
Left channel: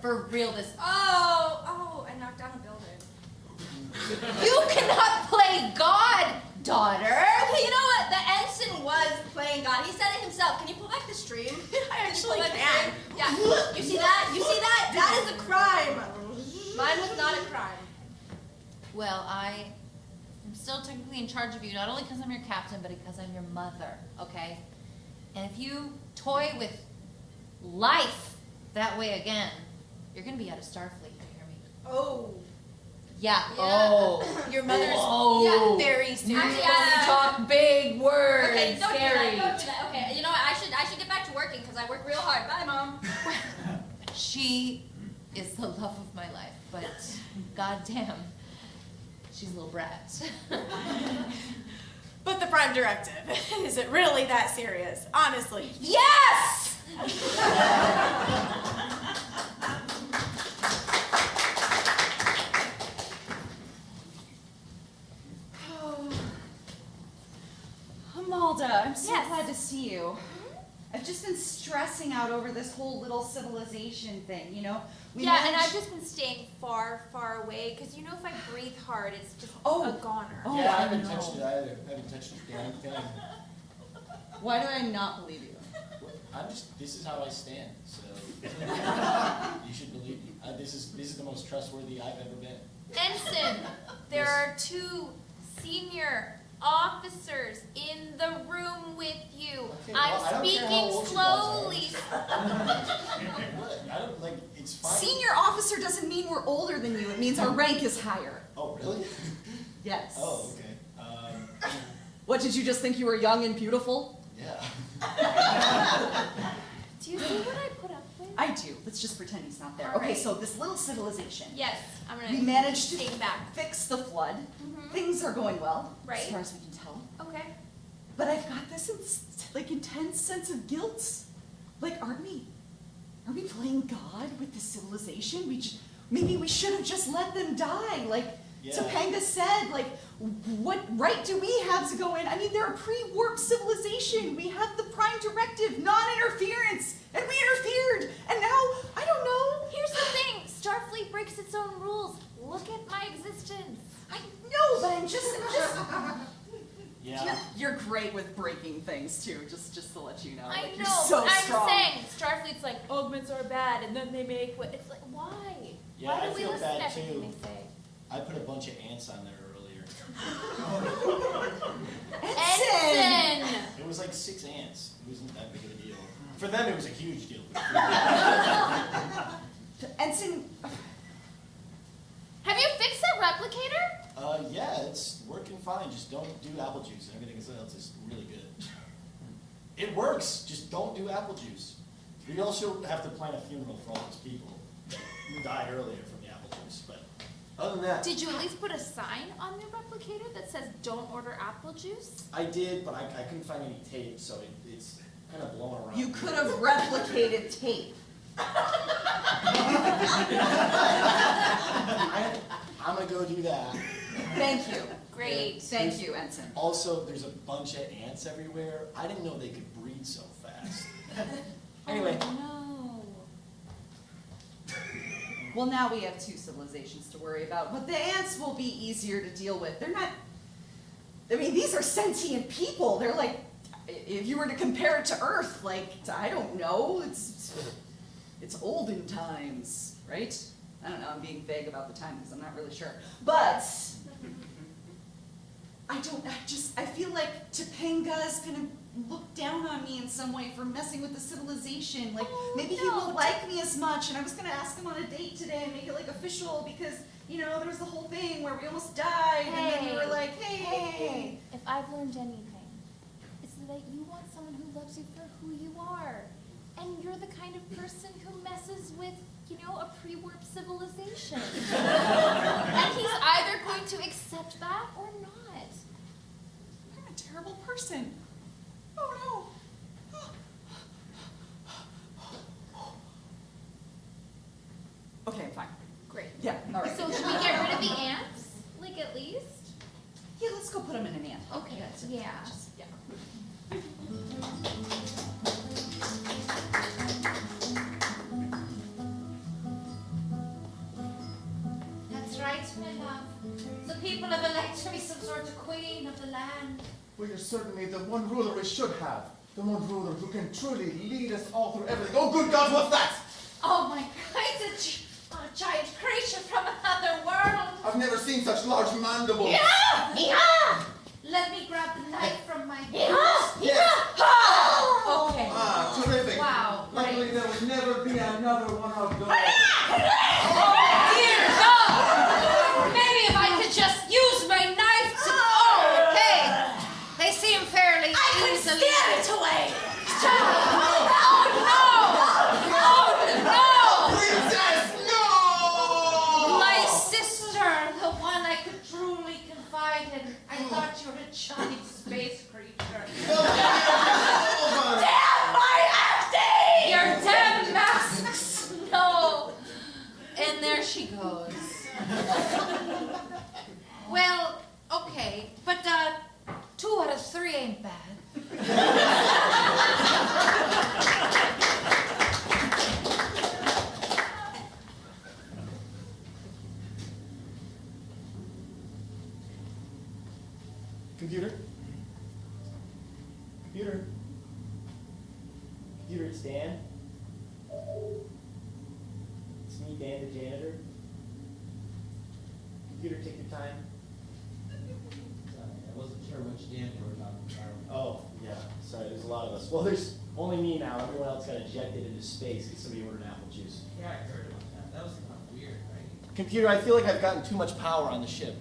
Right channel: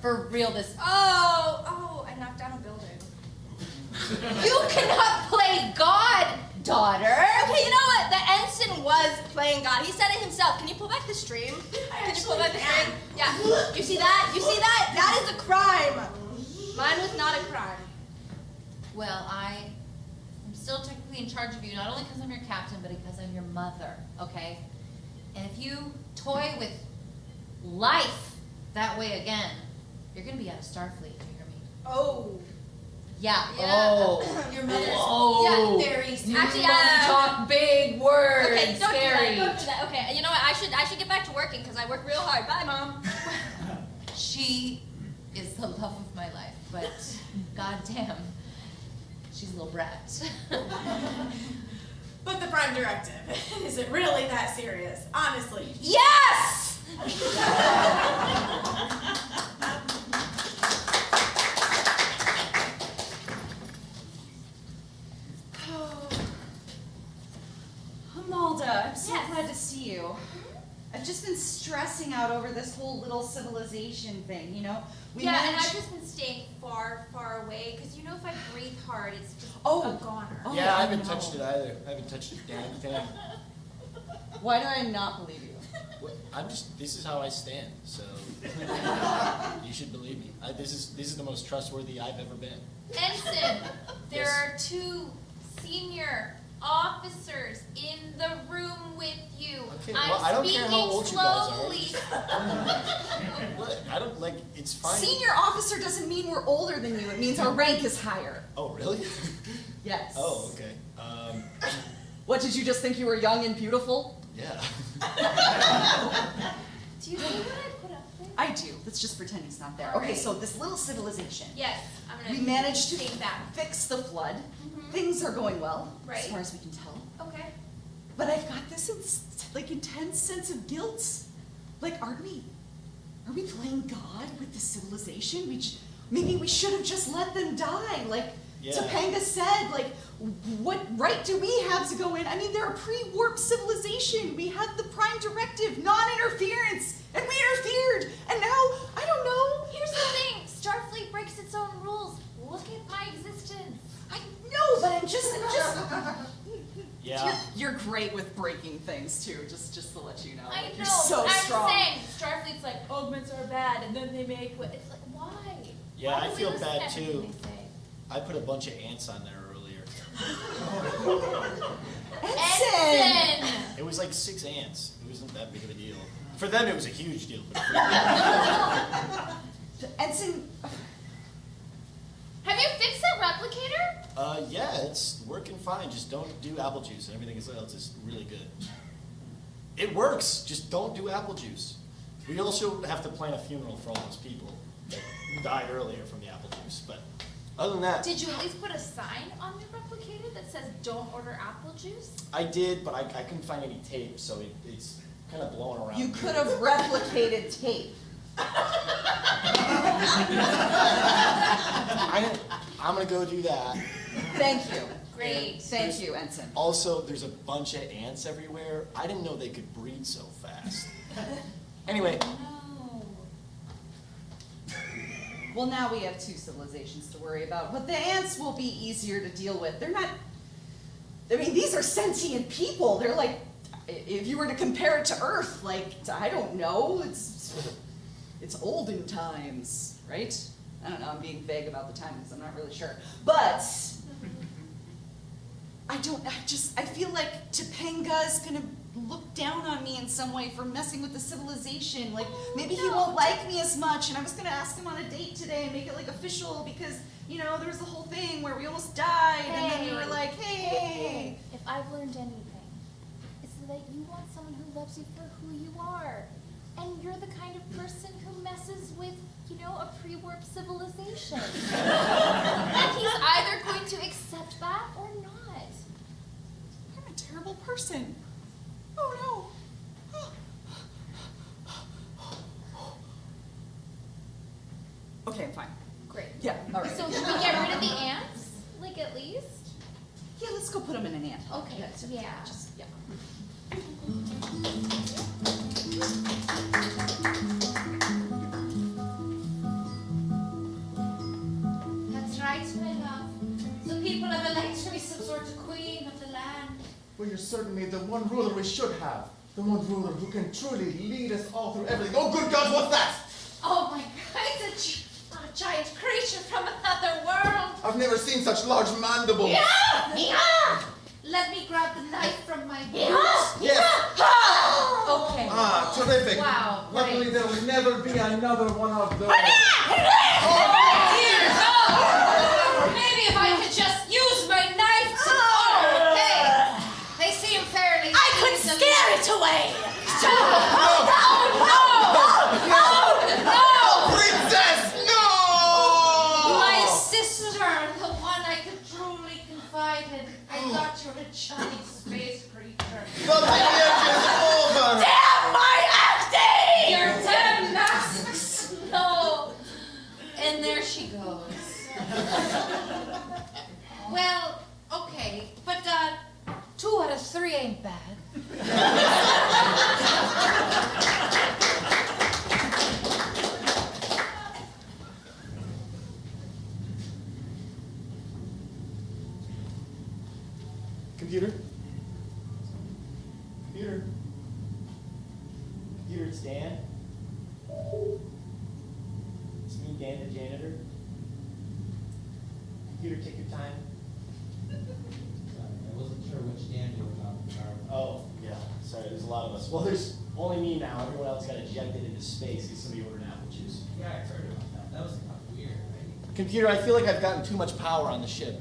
For real this. Oh, I knocked down a building. You cannot play God, daughter. Okay, you know what? The ensign was playing God. He said it himself. Can you pull back the stream? Can you pull back the stream? Yeah. You see that? You see that? That is a crime. Mine was not a crime. Well, I am still technically in charge of you, not only because I'm your captain, but because I'm your mother, okay? And if you toy with life that way again, you're gonna be out of Starfleet, you hear me? Oh. Yeah. Yeah. Oh. Your mother's Oh. yeah, very soon. Actually, talk big words. Okay, don't Scary. do that. Don't do that. Okay, you know what? I should get back to working because I work real hard. Bye, Mom. She is the love of my life, but goddamn, she's a little brat. But the Prime Directive, is it really that serious? Honestly. Yes! Amalda, I'm so Yes. glad to see you. I've just been stressing out over this whole little civilization thing, you know? And I've just been staying far, far away because you know if I breathe hard, it's just a goner. Oh, yeah, I I haven't know. touched it either. I haven't touched a damn thing. Why do I not believe you? This is how I stand, so you should believe me. This is the most trustworthy I've ever been. Ensign, there Yes. are 2 senior officers in the room with you. Okay, well, I I'm don't care how speaking old you guys are. slowly. What? I don't like. It's fine. Senior officer doesn't mean we're older than you. It means our rank is higher. Oh, really? Yes. Oh, okay. What, did you just think you were young and beautiful? Yeah. Do you see what I put up there? I do. Let's just pretend he's not there. Okay, so this little civilization. Yes, I'm gonna We managed to take that. fix the flood. Mhm. Things are going well, Right. as far as we can tell. Okay. But I've got this intense sense of guilt. Like, are we playing God with the civilization? Maybe we should have just let them die. Like Topanga said, like, what right do we have to go in? I mean, they're a pre-warp civilization. We have the Prime Directive, non-interference, and we interfered. And now, I don't know. Here's the thing, Starfleet breaks its own rules. Look at my existence. I know, but I'm just Yeah. You're great with breaking things too. Just to let you know, I like, know. you're so strong. I'm saying Starfleet's like augments are bad, and then they make what? It's like why? Yeah, Why I do we feel listen to bad everything too. they say? I put a bunch of ants on there earlier. Ensign! It was like 6 ants. It wasn't that big of a deal. For them, it was a huge deal. But Ensign, Have you fixed that replicator? yeah, it's working fine. Just don't do apple juice. Everything else is really good. It works. Just don't do apple juice. We also have to plan a funeral for all those people that died earlier from the apple juice. But other than that, Did you at least put a sign on your replicator that says "Don't order apple juice"? I did, but I couldn't find any tape, so it's kind of blowing around. you could have replicated tape. I'm gonna go do that. Thank you. Great. Thank you, Ensign. Also, there's a bunch of ants everywhere. I didn't know they could breed so fast. Anyway, Oh, no. Well, now we have 2 civilizations to worry about, but the ants will be easier to deal with. They're not. I mean, these are sentient people. They're like, if you were to compare it to Earth, like, I don't know, it's olden times, right? I don't know, I'm being vague about the time because I'm not really sure. But I feel like Topanga's gonna look down on me in some way for messing with the civilization. Like, maybe he won't like me as much, and I was gonna ask him on a date today and make it like official because, you know, there was the whole thing where we almost died, and then you were like, hey. If I've learned anything, it's that you want someone who loves you for who you are. And you're the kind of person who messes with you know, a pre-warp civilization. And he's either going to accept that or not. I'm a terrible person. Oh no. Okay, I'm fine. Great. Yeah, all right. So should we get rid of the ants? Like, at least? Yeah, let's go put them in an ant. Okay, yeah. That's right, my love. The people have elected me some sort of queen of the land. Well, you're certainly the one ruler we should have. The one ruler who can truly lead us all through everything. Oh, good God, what's that? Oh my God, it's a giant creature from another world. I've never seen such large mandibles. Yeah! Let me grab the knife from my Yes. Okay. Ah, terrific. Wow, Luckily, there will never be another one of those. Dear God! Maybe if I could just use my knife to... Oh, okay. They seem fairly... I could scare it away. No! Princess, no! My sister, the one I could truly confide in. I thought you were a giant space creature. The marriage is over. Damn my acting! Your damn masks! No. And there she goes. Well, okay, but 2 out of 3 ain't bad. Computer? Computer? Computer, it's Dan. It's me, Dan the janitor. Computer, take your time. Sorry, I wasn't sure which Dan you were talking about. Oh, yeah, sorry, there's a lot of us. Well, there's only me now. Everyone else got ejected into space because somebody ordered apple juice. Yeah, I heard about that. That was kind of weird, right? Computer, I feel like I've gotten too much power on the ship.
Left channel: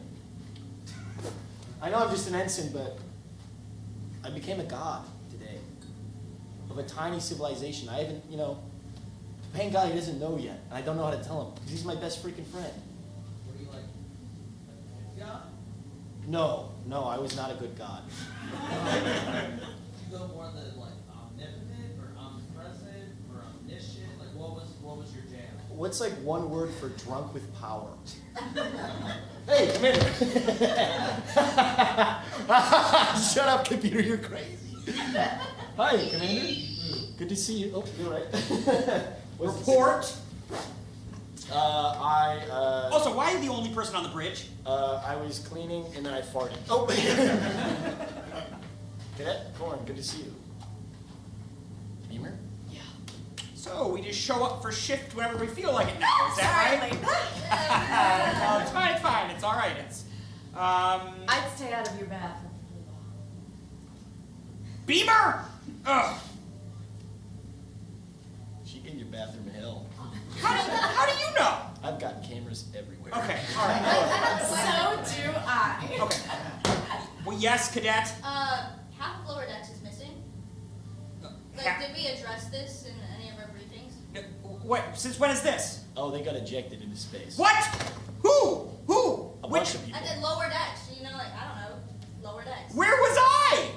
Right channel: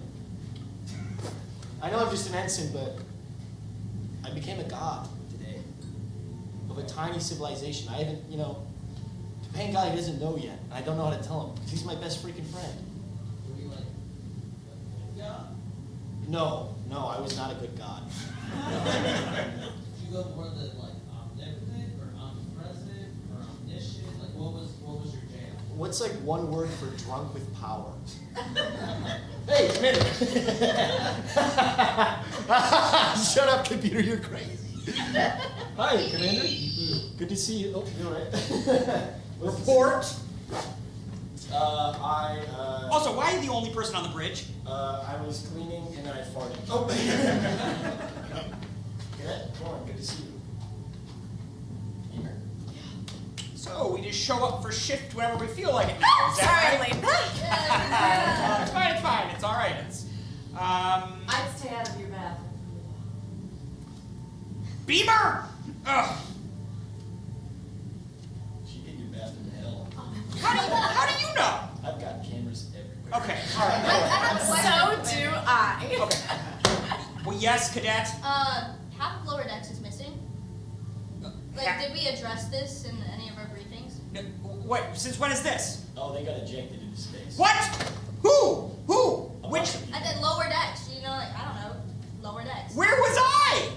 I know I'm just an ensign, but I became a god today of a tiny civilization. I haven't, you know, the pain god he doesn't know yet, and I don't know how to tell him because he's my best freaking friend. Were you like God? No, I was not a good god. Did you go more the like omnipotent or omnipresent or omniscient? Like what was your jam? What's like one word for drunk with power? Hey, come in. Shut up, computer, you're crazy. Hi, Commander. Good to see you. Oh, you're right. Report. Also, why are you the only person on the bridge? I was cleaning and then I farted. Oh, Cadet, Corin, good to see you. Beamer? Yeah. So we just show up for shift whenever we feel like it now, is that right? No, it's fine, it's all right. It's, I'd stay out of your bathroom for a while. Beamer! Ugh. She in your bathroom in hell. How do you know? I've got cameras everywhere. Okay, all right. So do I. Okay. Well, yes, Cadet. Half of lower decks is missing. Like, did we address this in any of our briefings? Wait, since when is this? Oh, they got ejected into space. What? Who? A Which? bunch of people. And then lower decks, you know, like, I don't know, lower decks. Where was I?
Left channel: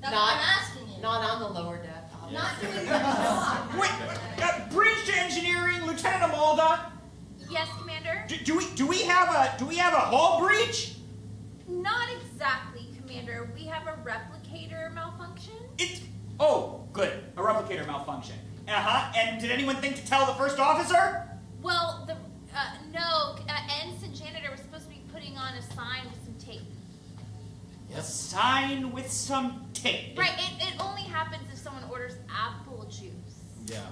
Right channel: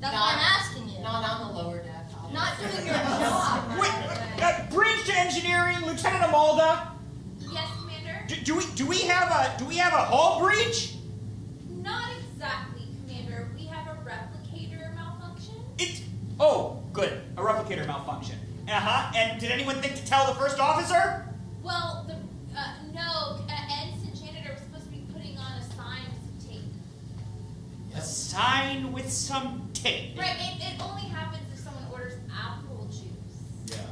That's what I'm asking you. Not on the lower deck. Not doing your job. Wait, bridge to engineering, Lieutenant Amalda. Yes, Commander? Do we have a hull breach? Not exactly, Commander. We have a replicator malfunction. Oh, good. A replicator malfunction. And did anyone think to tell the first officer? Well, no. Ensign Janitor was supposed to be putting on a sign with some tape. A sign with some tape. Right. It only happens if someone orders apple juice. Yeah.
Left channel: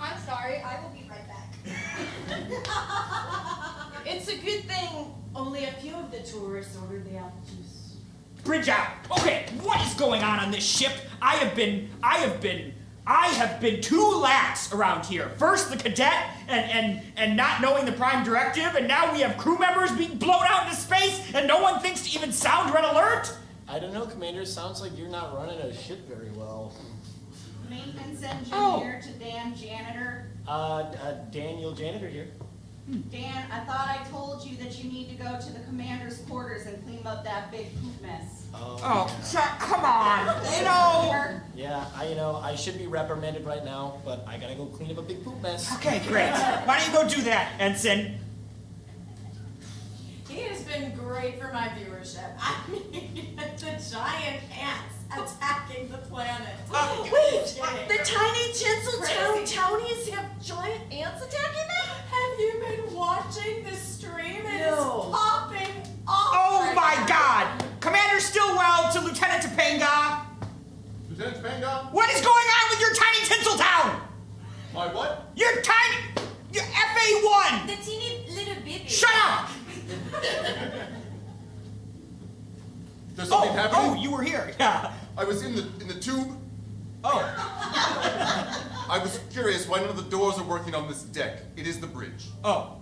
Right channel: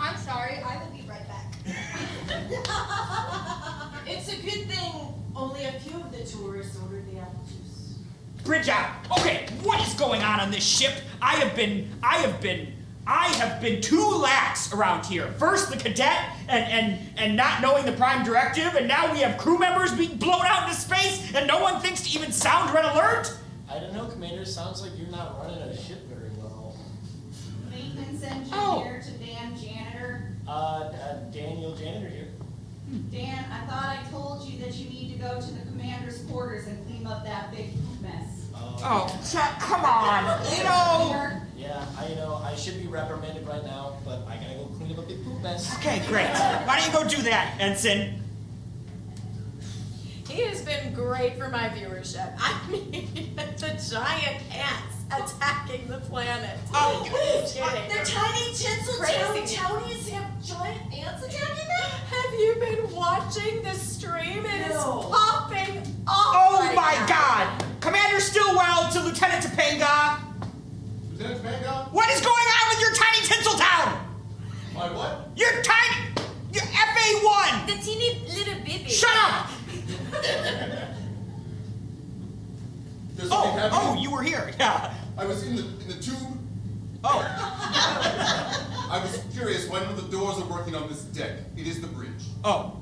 I'm sorry, I will be right back. It's a good thing only a few of the tourists ordered the apple juice. Bridge out. Okay, what is going on this ship? I have been too lax around here. First the cadet and not knowing the prime directive, and now we have crew members being blown out into space and no one thinks to even sound red alert? I don't know, Commander. Sounds like you're not running a ship very well. Maintenance engineer to Dan janitor? Daniel Janitor here. Dan, I thought I told you that you need to go to the commander's quarters and clean up that big poop mess. Oh, come on. You know. Yeah, I should be reprimanded right now, but I gotta go clean up a big poop mess. Okay, great. Why don't you go do that, Ensign? He has been great for my viewership. I mean, the giant ants attacking the planet. Wait, the tiny tinsel townies have giant ants attacking them? Have you been watching the stream? It is No. popping off. Oh right my now. God! Commander Stillwell to Lieutenant Topanga. Lieutenant Topanga? What is going on with your tiny tinsel town? My what? Your FA1. The teeny little baby. Shut up! There's something happening? Oh, you were here. Yeah. I was in the tube. Oh. I was curious why none of the doors are working on this deck. It is the bridge. Oh.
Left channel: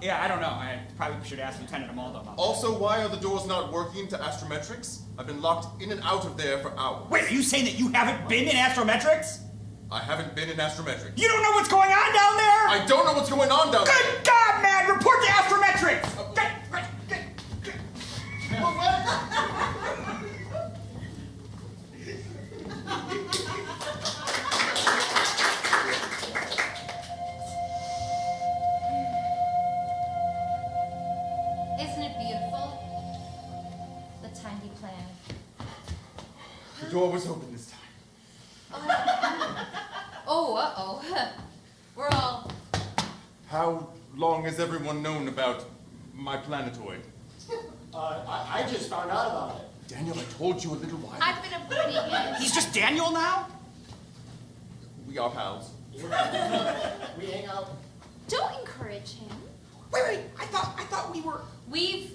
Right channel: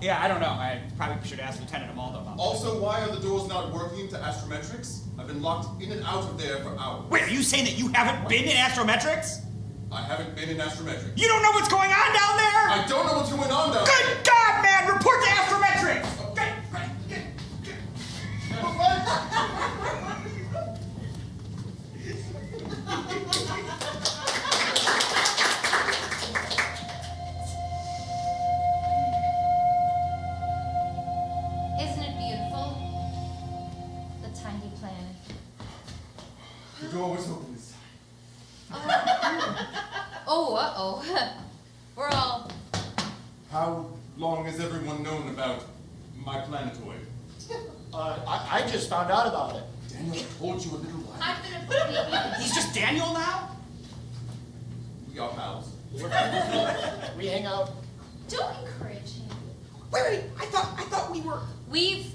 Yeah, I don't know. I probably should ask Lieutenant Amaldo about that. Also, why are the doors not working to astrometrics? I've been locked in and out of there for hours. Wait, are you saying that you haven't been in astrometrics? I haven't been in astrometrics. You don't know what's going on down there? I don't know what's going on down there. Good God, man! Report to astrometrics! Isn't it beautiful? The tiny planet. The door was open this time. Oh, uh-oh. We're all... How long has everyone known about my planetoid? I just found out about it. Daniel, I told you a little while. I've been a pretty He's just Daniel now? We are pals. We hang out. Don't encourage him. Wait, I thought we were... We've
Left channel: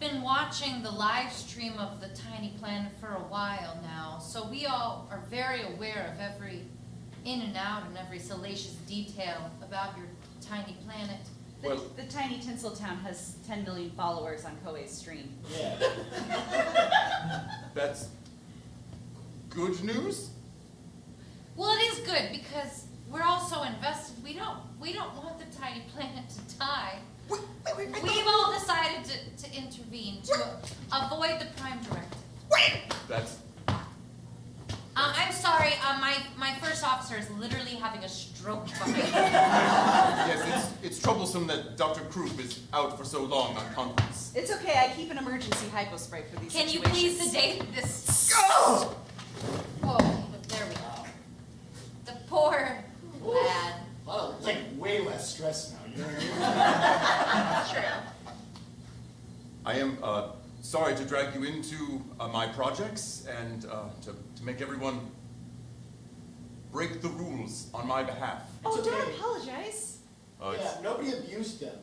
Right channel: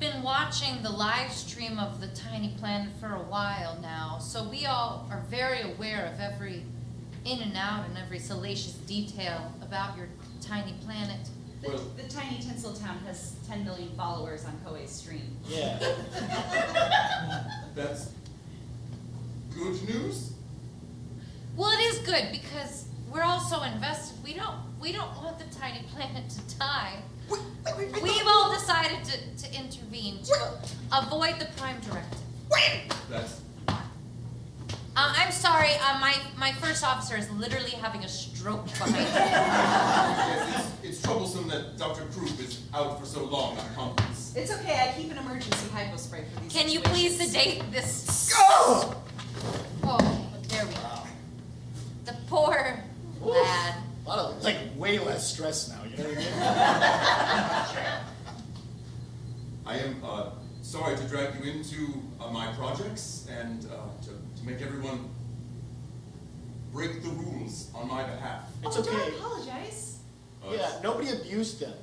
been watching the live stream of the tiny planet for a while now, so we all are very aware of every in and out and every salacious detail about your tiny planet. The tiny tinsel town has 10 million followers on Koei's stream. Yeah. That's good news? Well, it is good because we're all so invested. We don't want the tiny planet to die. We've all decided to intervene to avoid the Prime Directive. That's... I'm sorry, my first officer is literally having a stroke behind me. Yes, it's troublesome that Dr. Krupp is out for so long on conference. It's okay, I keep an emergency hypo spray for these Can you situations. please sedate this? Oh! Oh, there we go. The poor lad. A lot of, way less stress now, you know what I mean? I am sorry to drag you into my projects and to make everyone break the rules on my behalf. It's Don't okay. apologize. Yeah, nobody abused them.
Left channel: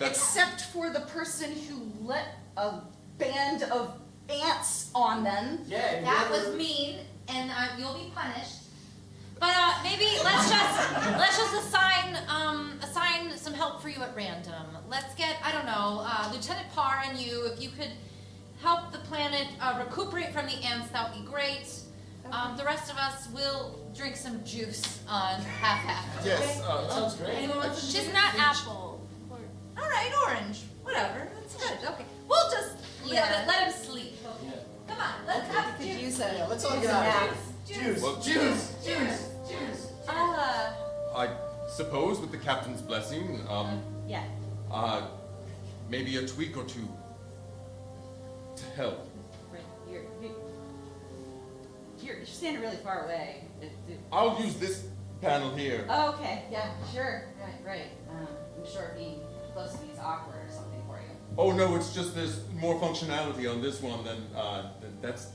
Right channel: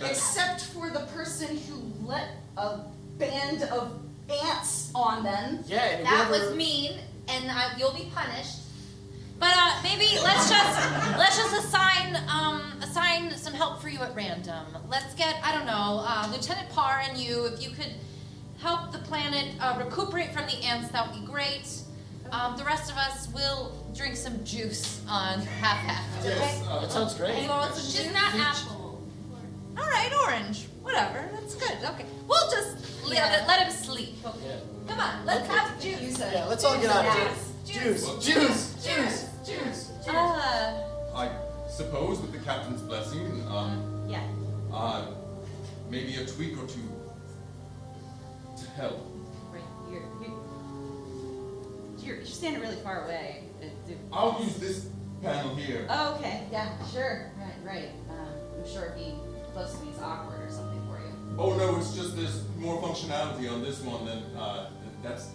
Except for the person who let a band of ants on them. Yeah, and That whoever- was mean, and you'll be punished. But maybe let's just assign some help for you at random. Let's get, I don't know, Lieutenant Parr and you, if you could help the planet recuperate from the ants, that would be great. The rest of us will drink some juice on half-half. Yes, okay? That sounds great. Anyone want some Just juice? not apple. All right, orange. Whatever. That's good. Okay. We'll just let him sleep. Yeah. Come on. Let's have juice. Yeah, let's all get out of here. Juice. Well, Juice. Juice. I suppose with the captain's blessing, Yeah. maybe a tweak or two to help. Right. You're standing really far away. I'll use this panel here. Oh, okay. Yeah, sure. Right. I'm sure being close to me is awkward or something for you. Oh no, it's just there's more functionality on this one than that's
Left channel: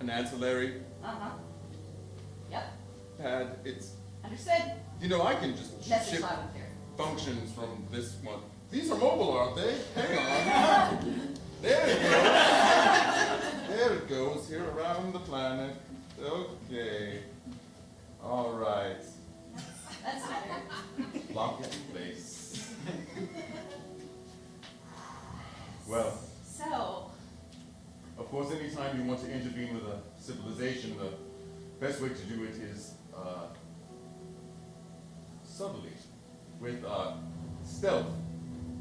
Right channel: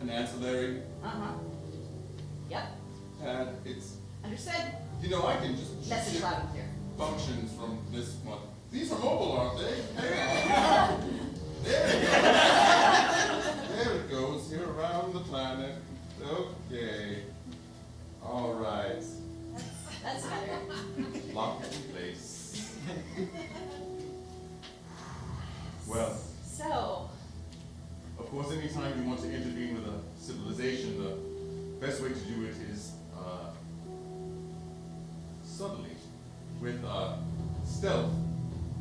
an ancillary Yep. pad. It's Understood. I can just Message ship loud and clear. functions from this one. These are mobile, aren't they? Hang on. There it goes. There it goes. Here around the planet. Okay. All right. That's better. Lock it in place. Well, So, of course, anytime you want to intervene with a civilization, the best way to do it is subtly, with stealth.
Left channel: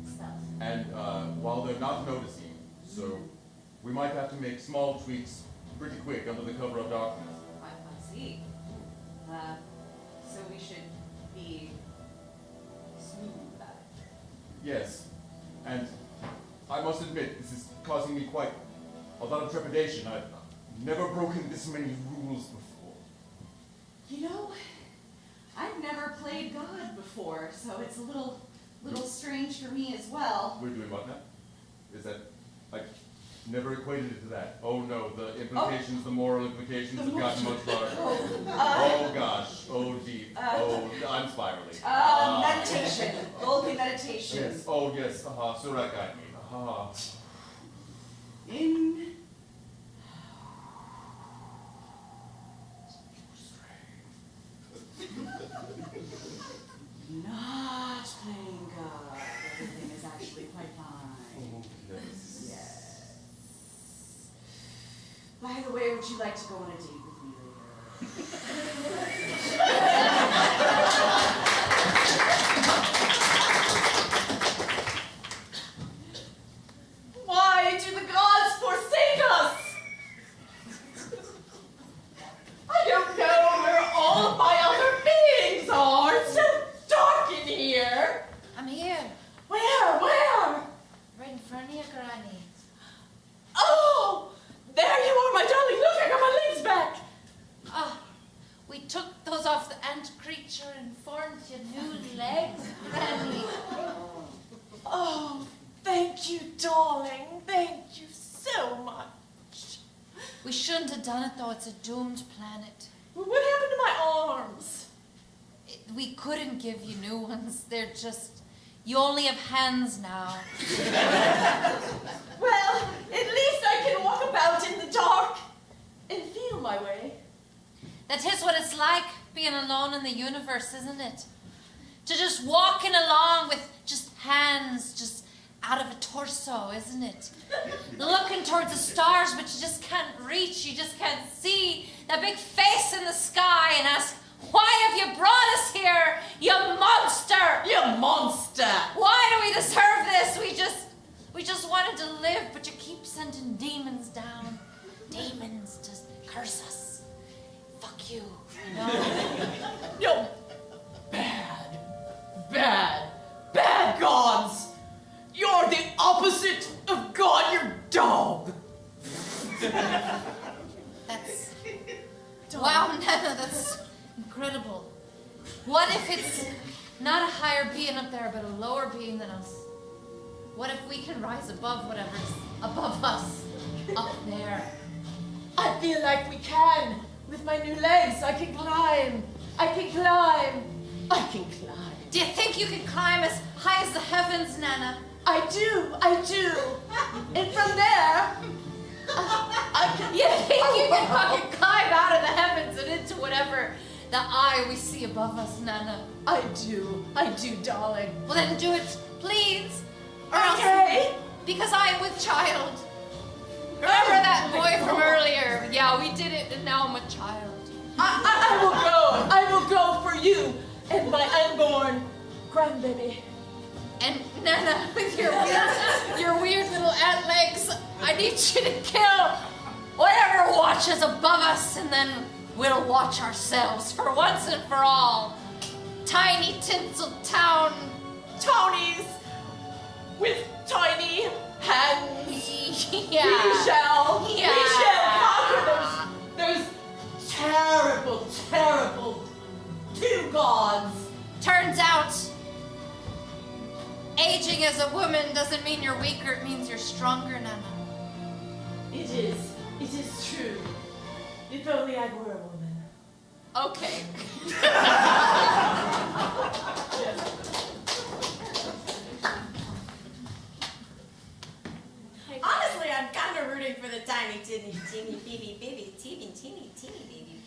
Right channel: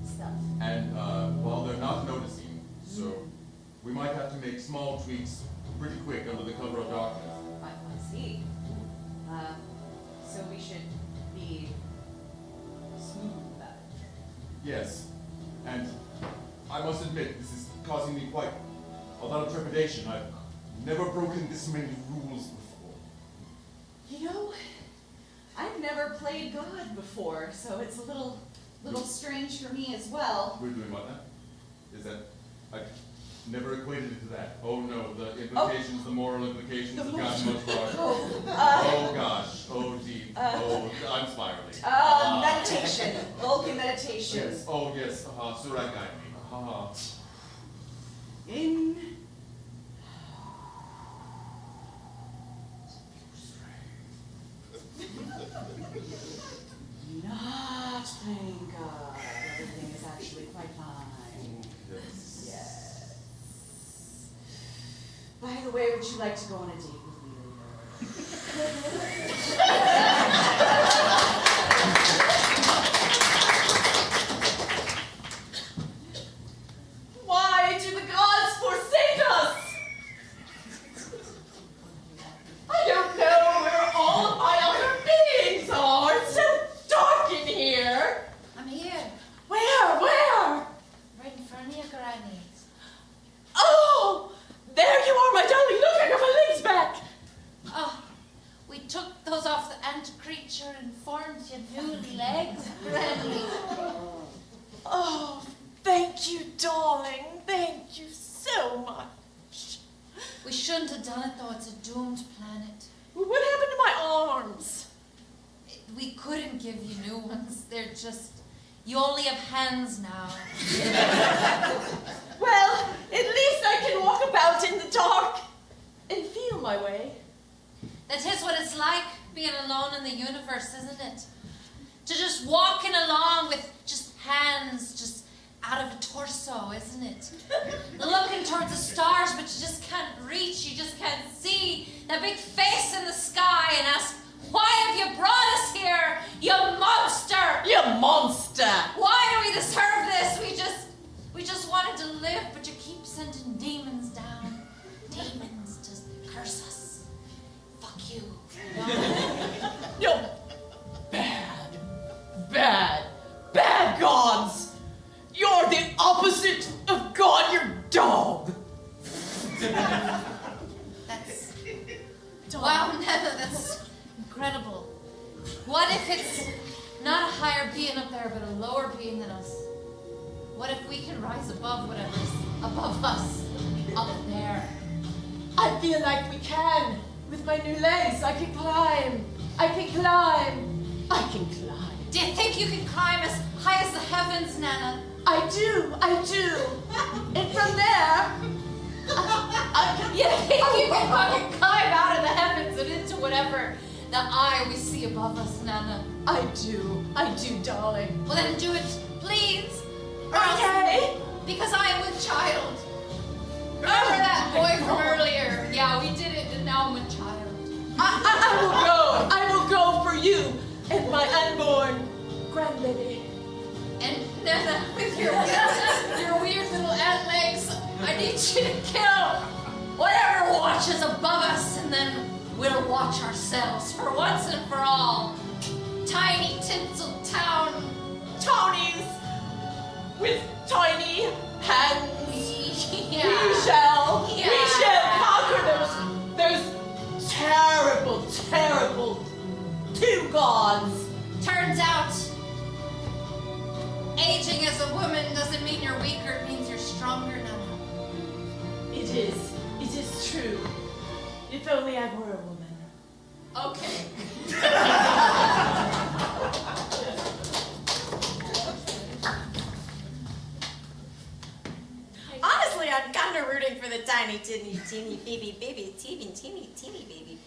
Stealth. And while they're not noticing, so we might have to make small tweaks pretty quick under the cover of darkness. I see. So we should be smooth about it. Yes, and I must admit, this is causing me quite a lot of trepidation. I've never broken this many rules before. You know, I've never played God before, so it's a little strange for me as well. We're doing what now? Is that, I've never equated it to that. Oh no, the implications, the moral implications have gotten much larger. Oh gosh, oh deep, I'm spiraling. Meditation. Vulcan meditation. Yes, oh yes, Surakai. In. Not playing God. Everything is actually quite fine. Oh yes. Yes. By the way, would you like to go on a date with me Why do the gods forsake us? I don't know where all of my other beings are. It's so dark in here. I'm here, Where? right in front of you, Granny. Oh, there you are, my darling. Look, I got my legs back. Oh, we took those off the ant creature and formed your new legs, Granny. Oh, thank you, darling. Thank you so much. We shouldn't have done it though, it's a doomed planet. What happened to my arms? We couldn't give you new ones, they're just, you only have hands now. Well, at least I can walk about in the dark and feel my way. That is what it's like, being alone in the universe, isn't it? To just walking along with just hands just out of a torso, isn't it? Looking towards the stars, but you just can't reach, you just can't see that big face in the sky and ask, why have you brought us here, you monster? You monster! Why do we deserve this? We just wanted to live, but you keep sending demons down. Demons just curse us. Fuck you. No. Bad gods! You're the opposite of God, you're dog! That's... Wow, Nana, that's incredible. What if it's not a higher being up there, but a lower being than us? What if we can rise above whatever's above us, up there? I feel like we can. With my new legs, I can climb. Do you think you can climb as high as the heavens, Nana? I do. And from there, I can... You think you can fucking climb out of the heavens and into whatever the eye we see above us, Nana? I do, darling. Well then do it, please. Okay. Because I am with child. Remember that boy from earlier? Yeah, we did it and now I'm with child. I will go for you and my unborn grandbaby. And Nana, with your weird little ant legs, I need you to kill whatever watches above us, and then we'll watch ourselves for once and for all. Tiny tinsel town Townies with tiny hands. Yeah. We shall Yeah. conquer those terrible two gods. Turns out, aging as a woman doesn't mean you're weaker, it means you're stronger, Nana. It is true. If only I were a woman. Okay. Honestly, I'm kind of rooting for the tiny, teeny baby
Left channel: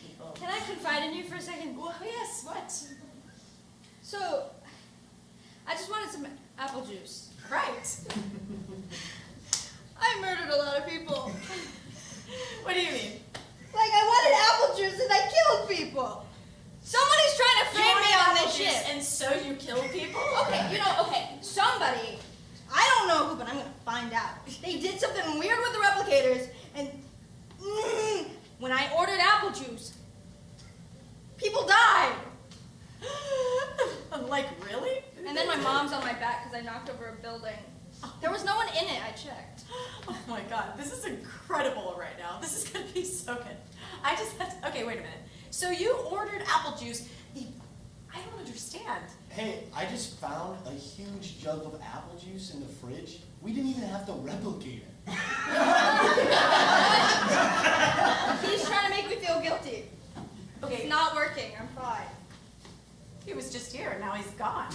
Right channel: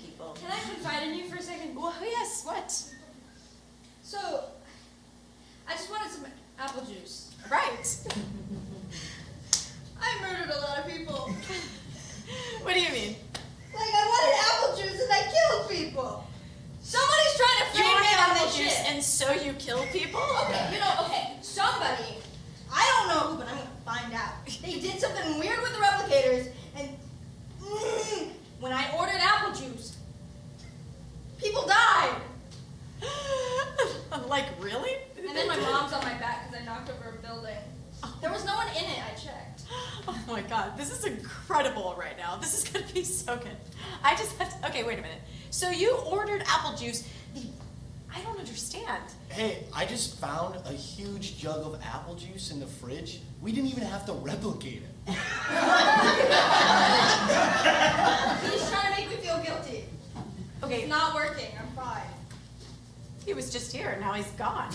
people. Can I confide in you for a second? Oh, yes, what? So, I just wanted some apple juice. Right. I murdered a lot of people. What do you mean? Like, I wanted apple juice and I killed kill people? Okay, somebody, I don't know who, but I'm gonna find out. They did something weird with the replicators, and when I ordered apple juice, people died. Like, really? And then my mom's on my back because I knocked over a building. There was no one in it, I checked. Oh my god, this is incredible right now. This is gonna be so good. I just have to, okay, wait a minute. So you ordered apple juice. I don't understand. Hey, I just found a huge jug of apple juice in the fridge. We didn't even have to replicate it. He's trying to make me feel guilty. Okay. It's not working, I'm fine. He was just here, and now he's gone.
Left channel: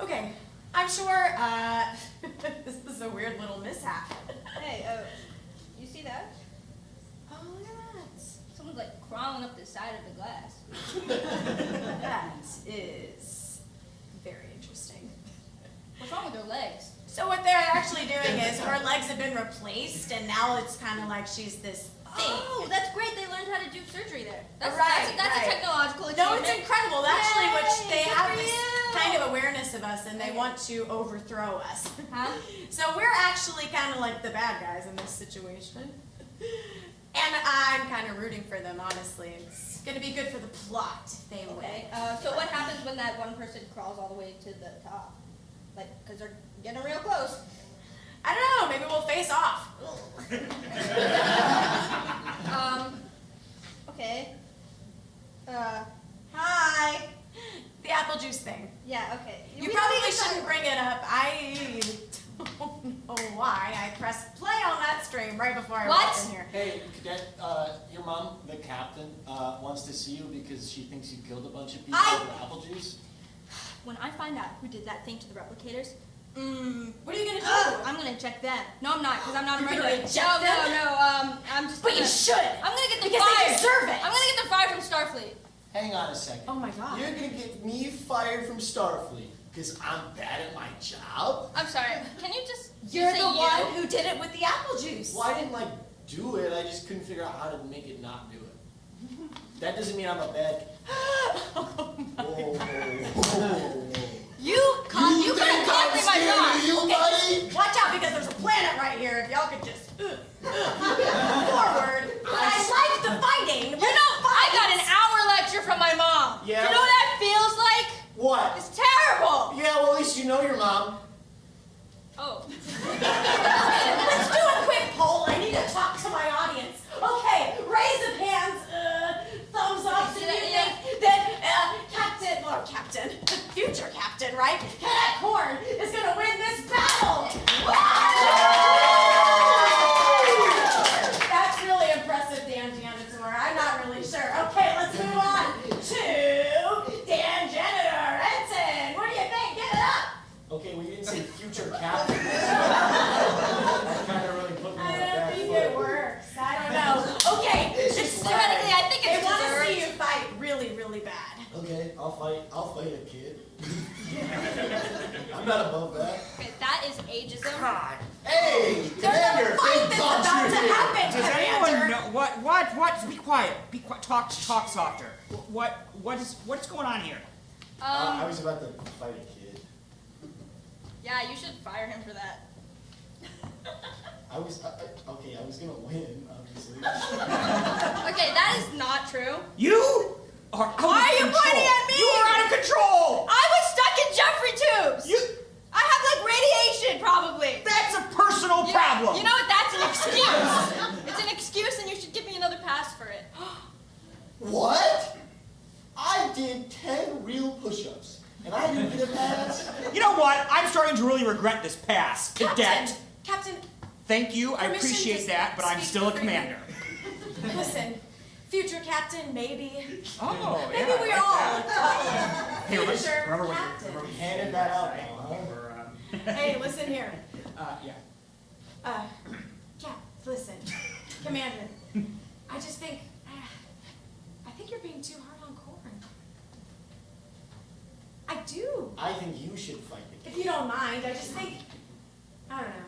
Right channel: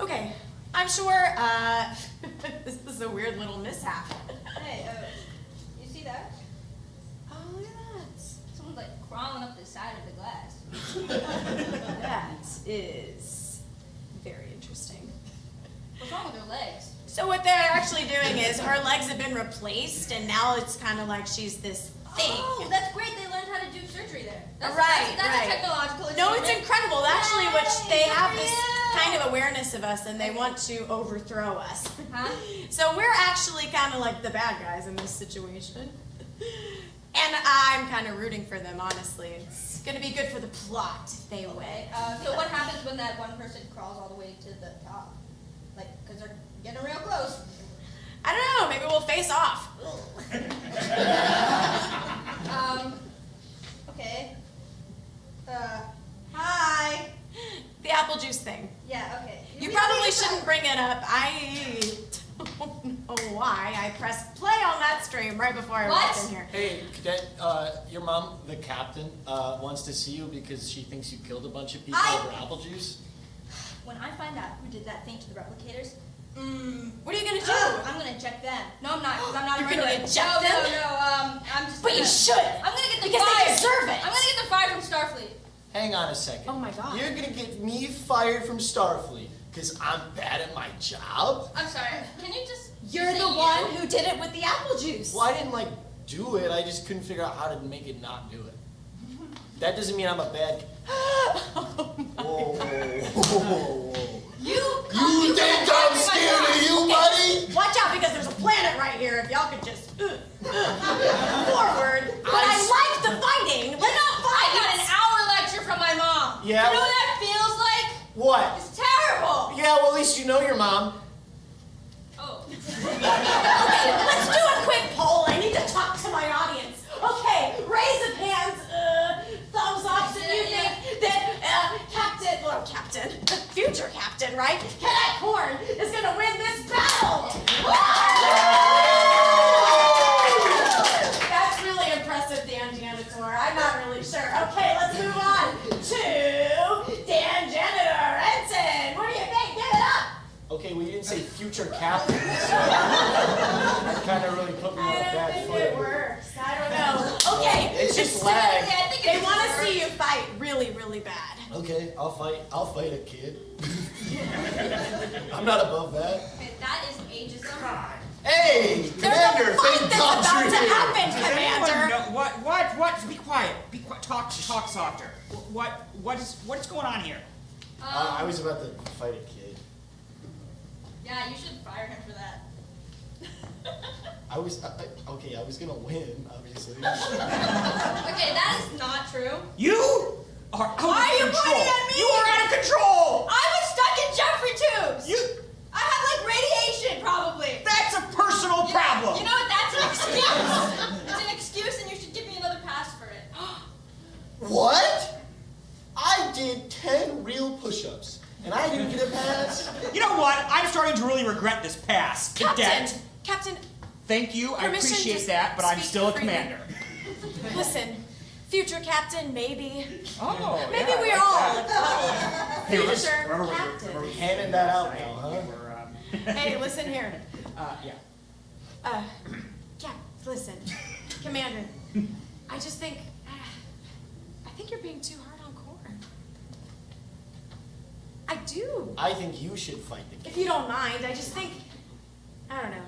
Okay, I'm sure, this is a weird little mishap. Hey, you see that? Oh, look at that. Someone's like crawling up the side of the glass. That is very interesting. What's wrong with her legs? So what they're actually doing is her legs have been replaced, and now it's kind of like she's this thing. Oh, that's great. They learned how to do surgery there. That's Right, that's right. a technological No, achievement. it's incredible. Actually, which they Yay, good have for this you. kind of awareness of us, and they want to overthrow us. Huh? So we're actually kind of like the bad guys in this situation. And I'm kind of rooting for them, honestly. It's going to be good for the plot if they win. Okay. So what happens when that one person crawls all the way to the top? Like, because they're getting real close. I don't know. Maybe we'll face off. Okay. Hi. The apple juice thing. Yeah, okay. You We probably don't need to shouldn't talk- bring it up. I don't know why. I pressed play on that stream right before I walked in here. Hey, Cadet, your mom, the captain, wants to see you because she thinks you killed a bunch of people over apple juice. When I find out who did that thing to the replicators, what are you gonna do? I'm gonna eject them. No, I'm not, because I'm not a You're gonna murderer. eject them? No, I'm just. But you gonna- should. I'm gonna get them Because they fired. deserve it. I'm gonna get them fired from Starfleet. Hang on a second. Oh my god. You're gonna get me fired from Starfleet because I'm bad at my job? I'm sorry. Can you just? You're say the you? one who did it with the apple juice. Well, I didn't do it. I just couldn't figure out how to make it not do it. That doesn't mean I'm a bad. Whoa. You think I'm scared of you, buddy? Watch out, because there's a planet right here. If y'all could just forward. But I like the fighting. You know, I got an hour lecture from my mom. Yeah. You know what that feels like? What? It's terrible. Yeah, well, at least you know your mom. Oh. Okay, let's do a quick poll. I need to talk to my audience. Okay, raise of hands, thumbs up, so you think that future captain, right? Cadet Corn is gonna win this battle. That's really impressive, Dan Janitor. I'm not really sure. Okay, let's move on to Dan Janitor. Ensign, what do you think? Give it up. Okay, we didn't say future captain. Kind of really put me on I a don't bad think foot. it works. I don't know. Okay, It's just lag. theoretically, I think they want to see you fight really, really bad. Okay, I'll fight a kid. I'm not above that. Okay, that is ageism. Hey, There's Commander, a fight thank that's God about you're to here. happen, Does anyone Commander. know what? Be quiet. Be quiet. Talk softer. What's going on here? I was about to fight a kid. Yeah, you should fire him for that. I was gonna win, obviously. Okay, that is not true. You are out Why of are you control. pointing at me? You are out of control. I was stuck in Jeffrey tubes. I have like radiation, probably. That's a personal problem. You know what? That's an excuse. It's an excuse, and you should give me another pass for it. What? I did 10 real push-ups, and I didn't get a pass. You know what? I'm starting to really regret this pass, Cadet. Captain, Thank you. I permission appreciate to that, but I'm speak still a freely. commander. listen, future captain, maybe. Oh, Maybe yeah, we're I all like future captain. Handing that out now, huh? Hey, listen here. Yeah. Yeah, listen, Commander. I just think, I think you're being too hard on Corn. I do. I think you should fight the kid. If you don't mind, I just think, I don't know.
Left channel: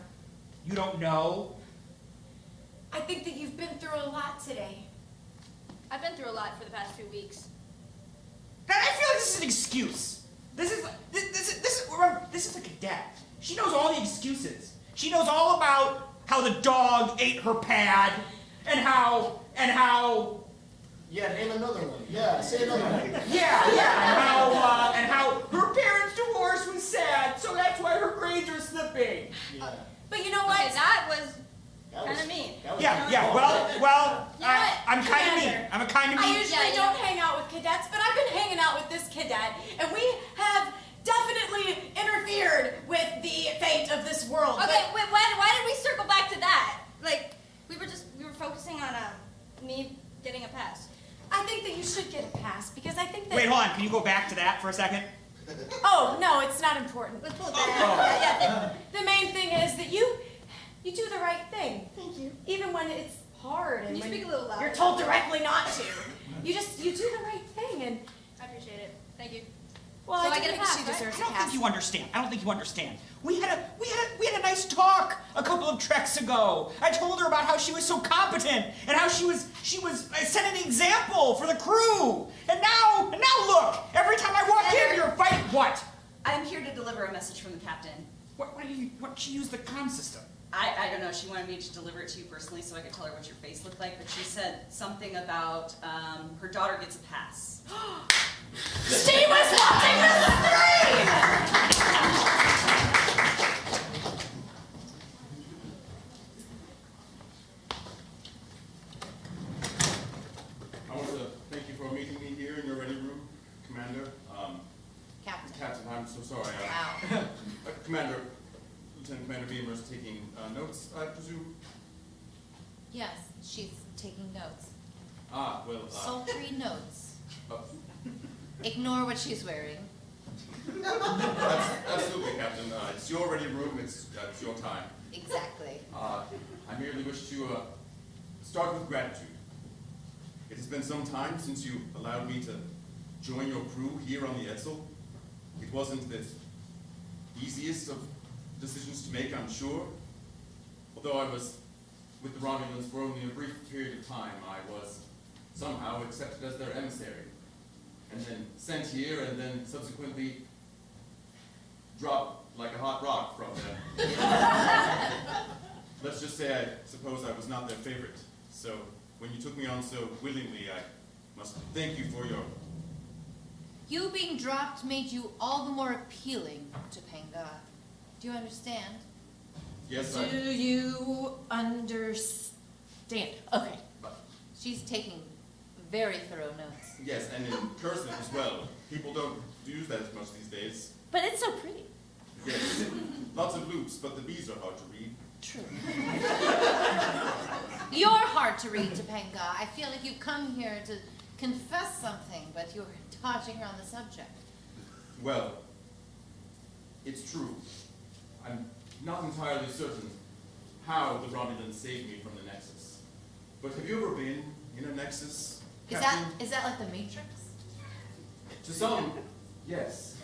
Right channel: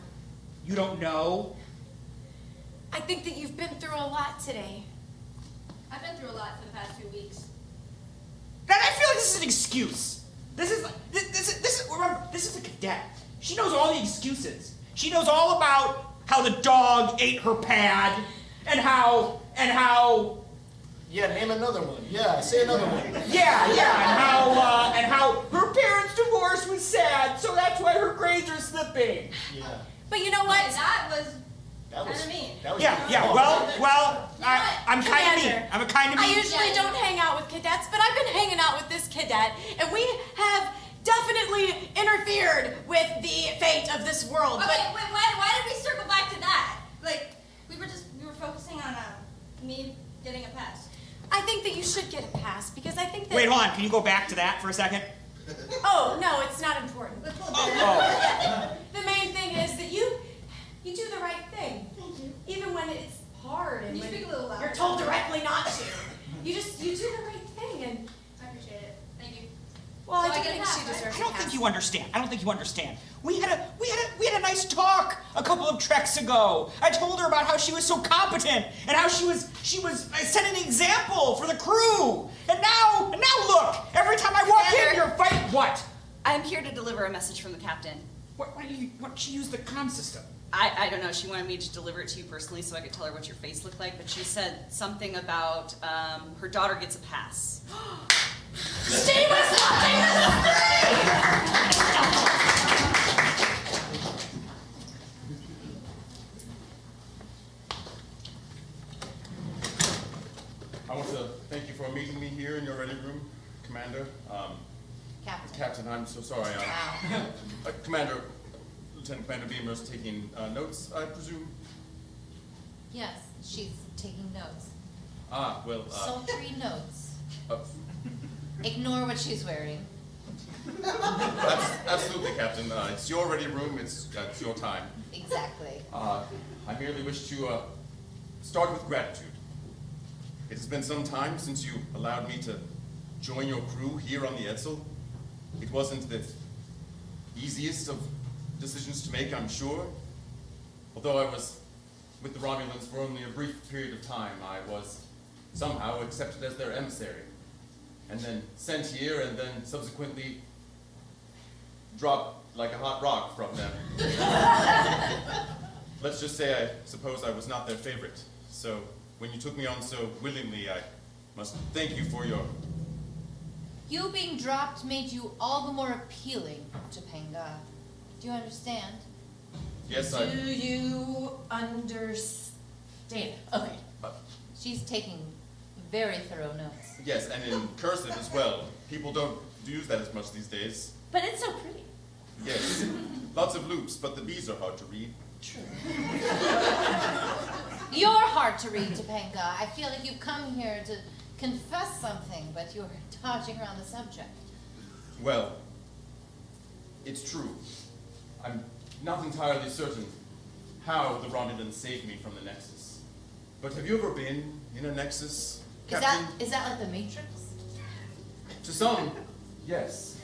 You don't know? I think that you've been through a lot today. I've been through a lot for the past few weeks. Now, I feel like this is an excuse. Remember, this is a cadet. She knows all the excuses. She knows all about how the dog ate her pad, and how. Yeah, name another one. Yeah, say another one. Yeah, and how her parents' divorce was sad, so that's why her grades are slipping. Yeah. But you know what? Okay, that was That kind was of mean. that was Yeah. Well, You know what, I'm kind of mean. Commander? I'm a kind of I mean. usually don't hang out with cadets, but I've been hanging out with this cadet, and we have definitely interfered with the fate of this world. Okay, But wait, why did we circle back to that? Like, we were focusing on me getting a pass. I think that you should get a pass because I think that. Wait, hold on. Can you go back to that for a second? Oh no, it's not important. Oh. The main thing is that you do the right thing. Thank you. Even when it's hard and Can you when speak a little louder? you're told directly not to. You do the right thing and. I appreciate it. Thank you. Well, So I I do get a think pass, she right? deserves I a don't pass. think you understand. We had a nice talk a couple of treks ago. I told her about how she was so competent and how she was setting an example for the crew. And now look, every time I walk in, you're fighting. What? I'm here to deliver a message from the captain. What she used the comm system? I don't know. She wanted me to deliver it to you personally so I could tell her what your face looked like, but she said something about her daughter gets a pass. She was watching the screen! I want to thank you for meeting me here in your ready room, Commander. Captain, I'm so sorry. Commander, Lieutenant Commander Beamer's taking notes, I presume? Yes, she's taking notes. Well, Sultry notes. uh, Ignore what she's wearing. absolutely, Captain. It's your ready room. It's your time. Exactly. I merely wish to start with gratitude. It has been some time since you allowed me to join your crew here on the Edsel. It wasn't the easiest of decisions to make, I'm sure. Although I was with the Romulans for only a brief period of time, I was somehow accepted as their emissary, and then sent here, and then subsequently dropped like a hot rock from them. Let's just say I suppose I was not their favorite. So when you took me on so willingly, I must thank you for your... You being dropped made you all the more appealing to Penga. Do you understand? Yes, Do you understand? Okay. She's taking very thorough notes. Yes, and in cursive as well. People don't use that as much these days. But it's so pretty. Yes, lots of loops, but the B's are hard to read. True. You're hard to read, Topanga. I feel like you've come here to confess something, but you're dodging around the subject. Well, it's true. I'm not entirely certain how the Romulans saved me from the Nexus. But have you ever been in a Nexus, Captain? Is that like the Matrix? To some, yes.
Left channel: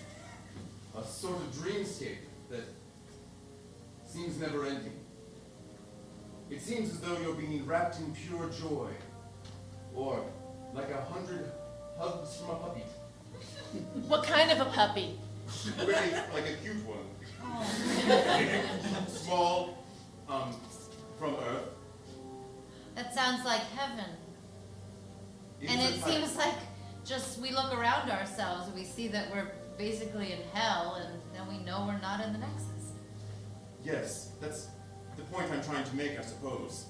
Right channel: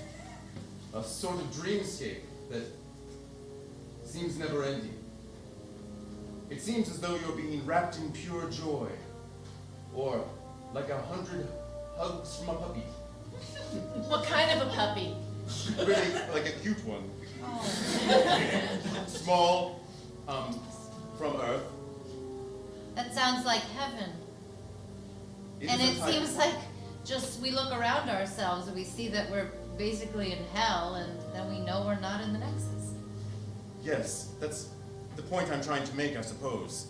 A sort of dreamscape that seems never ending. It seems as though you're being wrapped in pure joy, or like 100 hugs from a puppy. What kind of a puppy? Really, like a cute one. Small, from Earth. That sounds like heaven. And is it a type. seems like just we look around ourselves and we see that we're basically in hell, and then we know we're not in the Nexus. Yes, that's the point I'm trying to make, I suppose.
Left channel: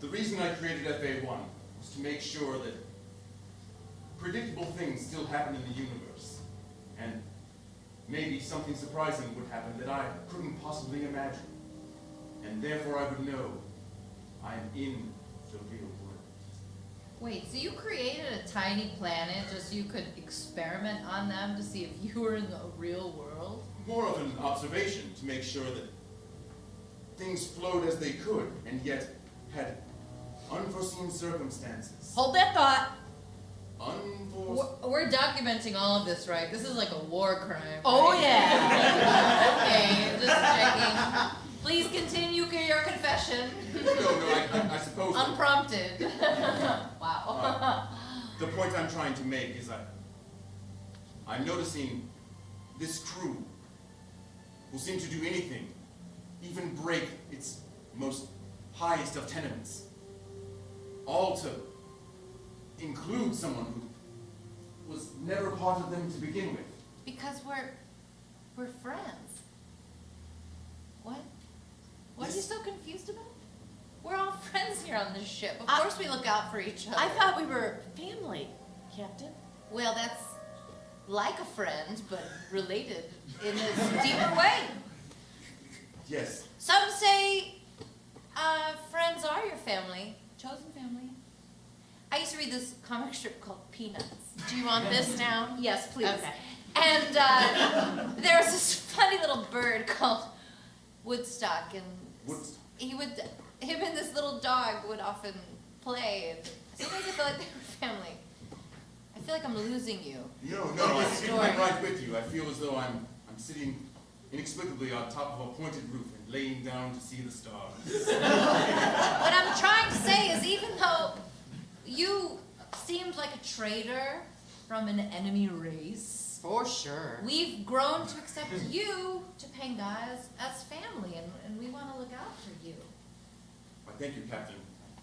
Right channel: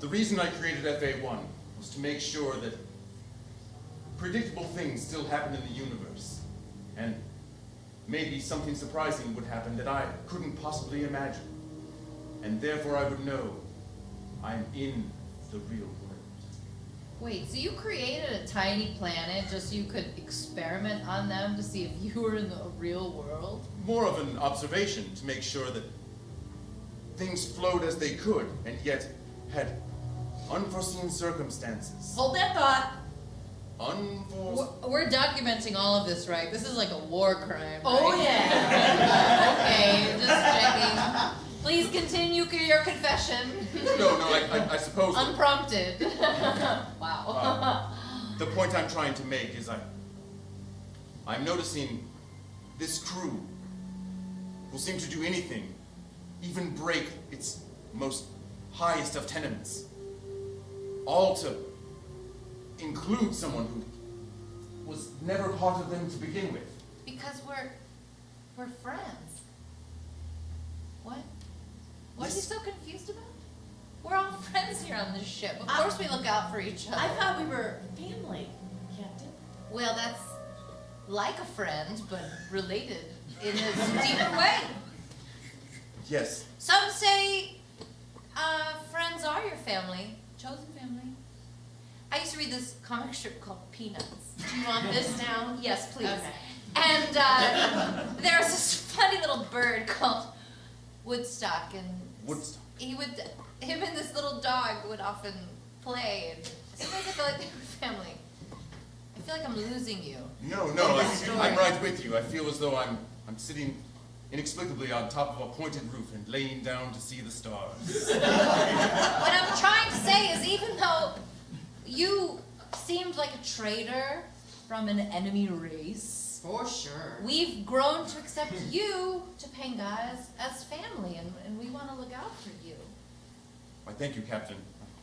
The reason I created FA1 was to make sure that predictable things still happen in the universe, and maybe something surprising would happen that I couldn't possibly imagine. And therefore I would know I'm in the real world. Wait, so you created a tiny planet just so you could experiment on them to see if you were in the real world? More of an observation to make sure that things flowed as they could, and yet had unforeseen circumstances. Hold that thought. We're documenting all of this, right? This is like a war crime. Oh, right? yeah. Okay, just checking. Please continue your confession. No, I suppose... Unprompted. Wow. The point I'm trying to make is I'm noticing this crew will seem to do anything, even break its most highest of tenements, all to include someone who was never part of them to begin with. Because we're friends. What? What are you so confused about? We're all friends here on this ship. Of course we look out for each other. I thought we were family, Captain. Well, that's like a friend, but related in a deeper way. Yes. Some say friends are your family, chosen family. I used to read this comic strip called Peanuts. Do you want this down? Yes, please. Okay. And there was this funny little bird called Woodstock, and Woodstock. him and this little dog would often play, and sometimes I feel like they were family. I feel like I'm losing you. No, I'm right with you. I feel as though I'm sitting inexplicably on top of a pointed roof and laying down to see the stars. What I'm trying to say is, even though you seemed like a traitor from an enemy race, For sure. we've grown to accept you, Topanga, as family, and we want to look out for you. Why, thank you, Captain.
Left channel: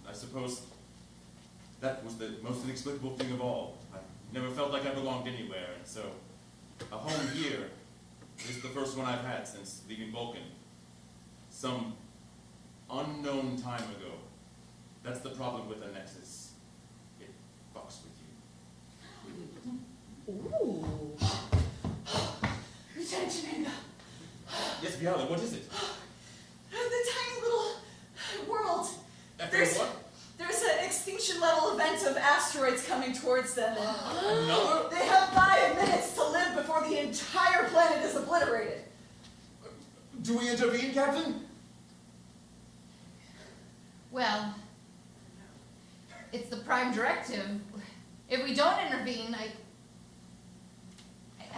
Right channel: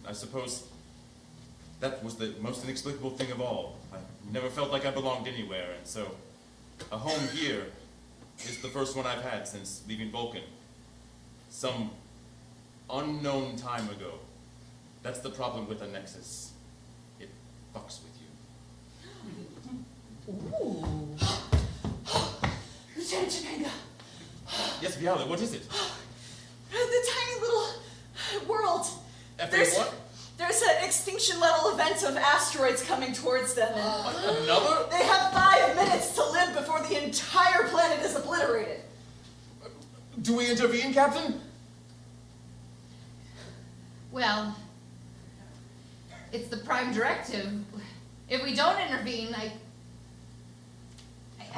I suppose that was the most inexplicable thing of all. I never felt like I belonged anywhere, and so a home here is the first one I've had since leaving Vulcan. Some unknown time ago. That's the problem with a Nexus. It fucks with you. Ooh. Lieutenant Topanga. Yes, Violet, what is it? The tiny little world. There's an extinction level event of asteroids coming towards them. And Another? they have 5 minutes to live before the entire planet is obliterated. Do we intervene, Captain? Well, it's the prime directive. If we don't intervene, I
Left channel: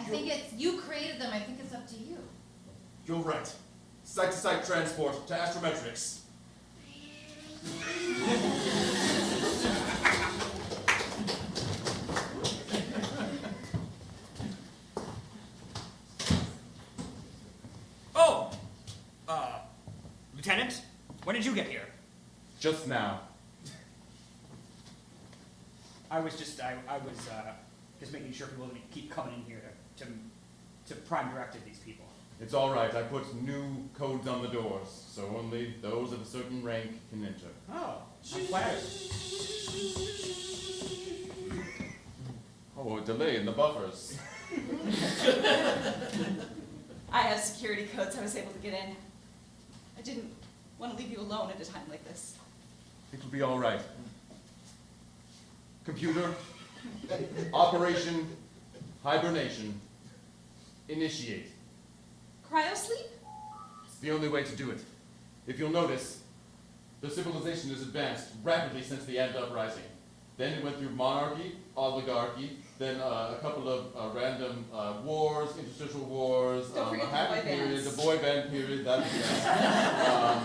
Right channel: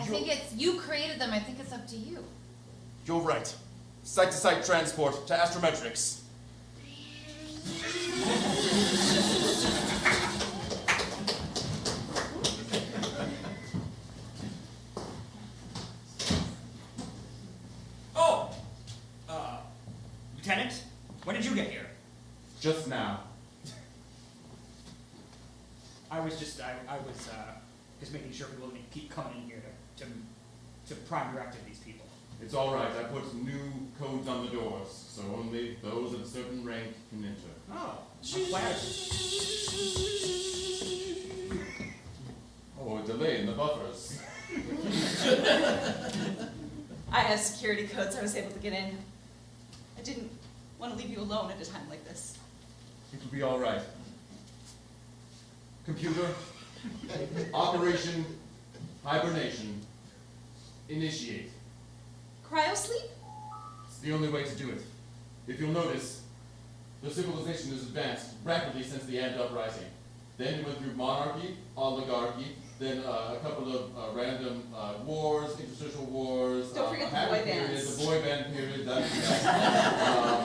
think it's, you created them, I think it's up to you. You're right. Site-to-site transport to astrometrics. Oh! Lieutenant, when did you get here? Just now. I was just making sure people didn't keep coming in here to prime directive these people. It's all right. I put new codes on the doors, so only those of a certain rank can enter. Oh, I'm flattered. Oh, a delay in the buffers. I have security codes. I was able to get in. I didn't want to leave you alone at a time like this. It will be all right. Computer, Operation Hibernation, initiate. Cryosleep? It's the only way to do it. If you'll notice, the civilization has advanced rapidly since the Ant Uprising. Then it went through monarchy, oligarchy, then a couple of random wars, interstitial wars, Don't forget a the happy boy period, bands. the boy band period, that's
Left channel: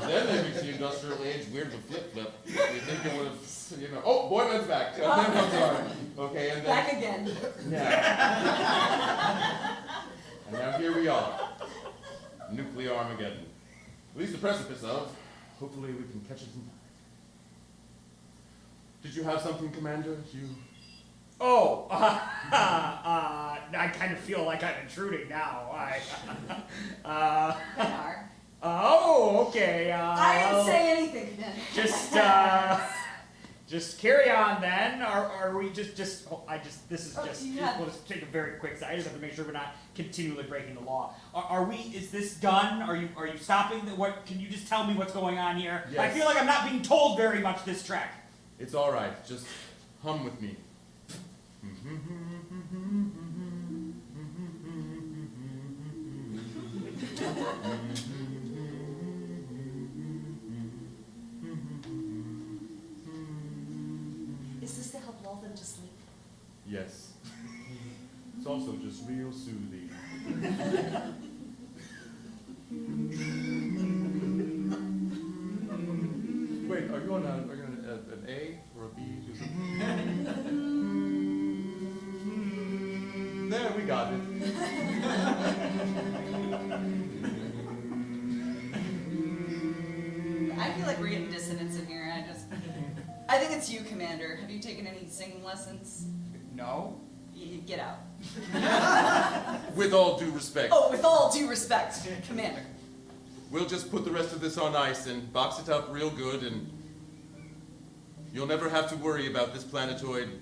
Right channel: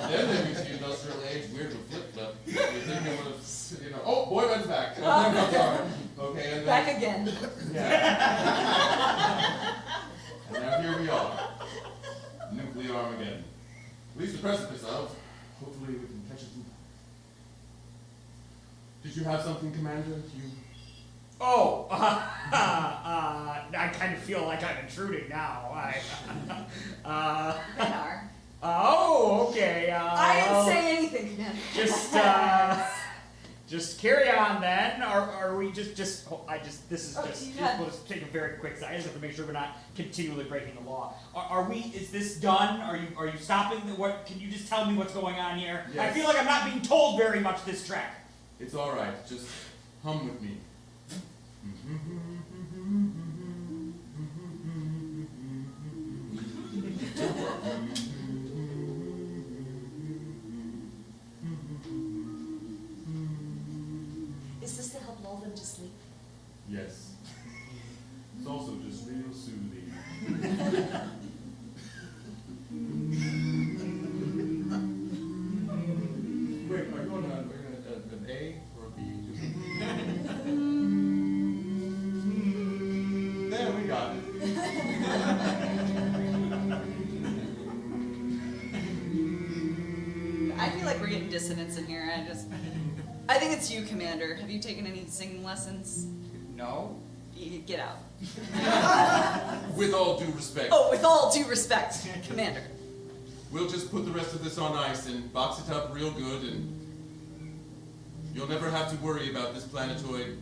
then they reached the industrial age, weird to flip-flip. You think they would have, oh, boy band's back. Okay, and then, Back again. yeah. And now here we are. Nuclear Armageddon. At least the precipice of. Hopefully we can catch it in. Did you have something, Commander? Oh, I kind of feel like I'm intruding now. Oh, okay. I didn't say anything, Commander. Just carry on then. Are we this is Oh, just, you have- we'll just take a very quick second. I just have to make sure we're not continually breaking the law. Are we, is this done? Are you stopping? Can you just tell me what's going on here? Yes. I feel like I'm not being told very much this track. It's all right. Just hum with me. Is this to help lull them to sleep? Yes. It's also just real soothing. Wait, are you on an A or a B? There, we got it. we're getting dissonance in here. I think it's you, Commander. Have you taken any singing lessons? No. Get out. With all due respect. Oh, with all due respect, Commander. We'll just put the rest of this on ice and box it up real good, and you'll never have to worry about this planetoid.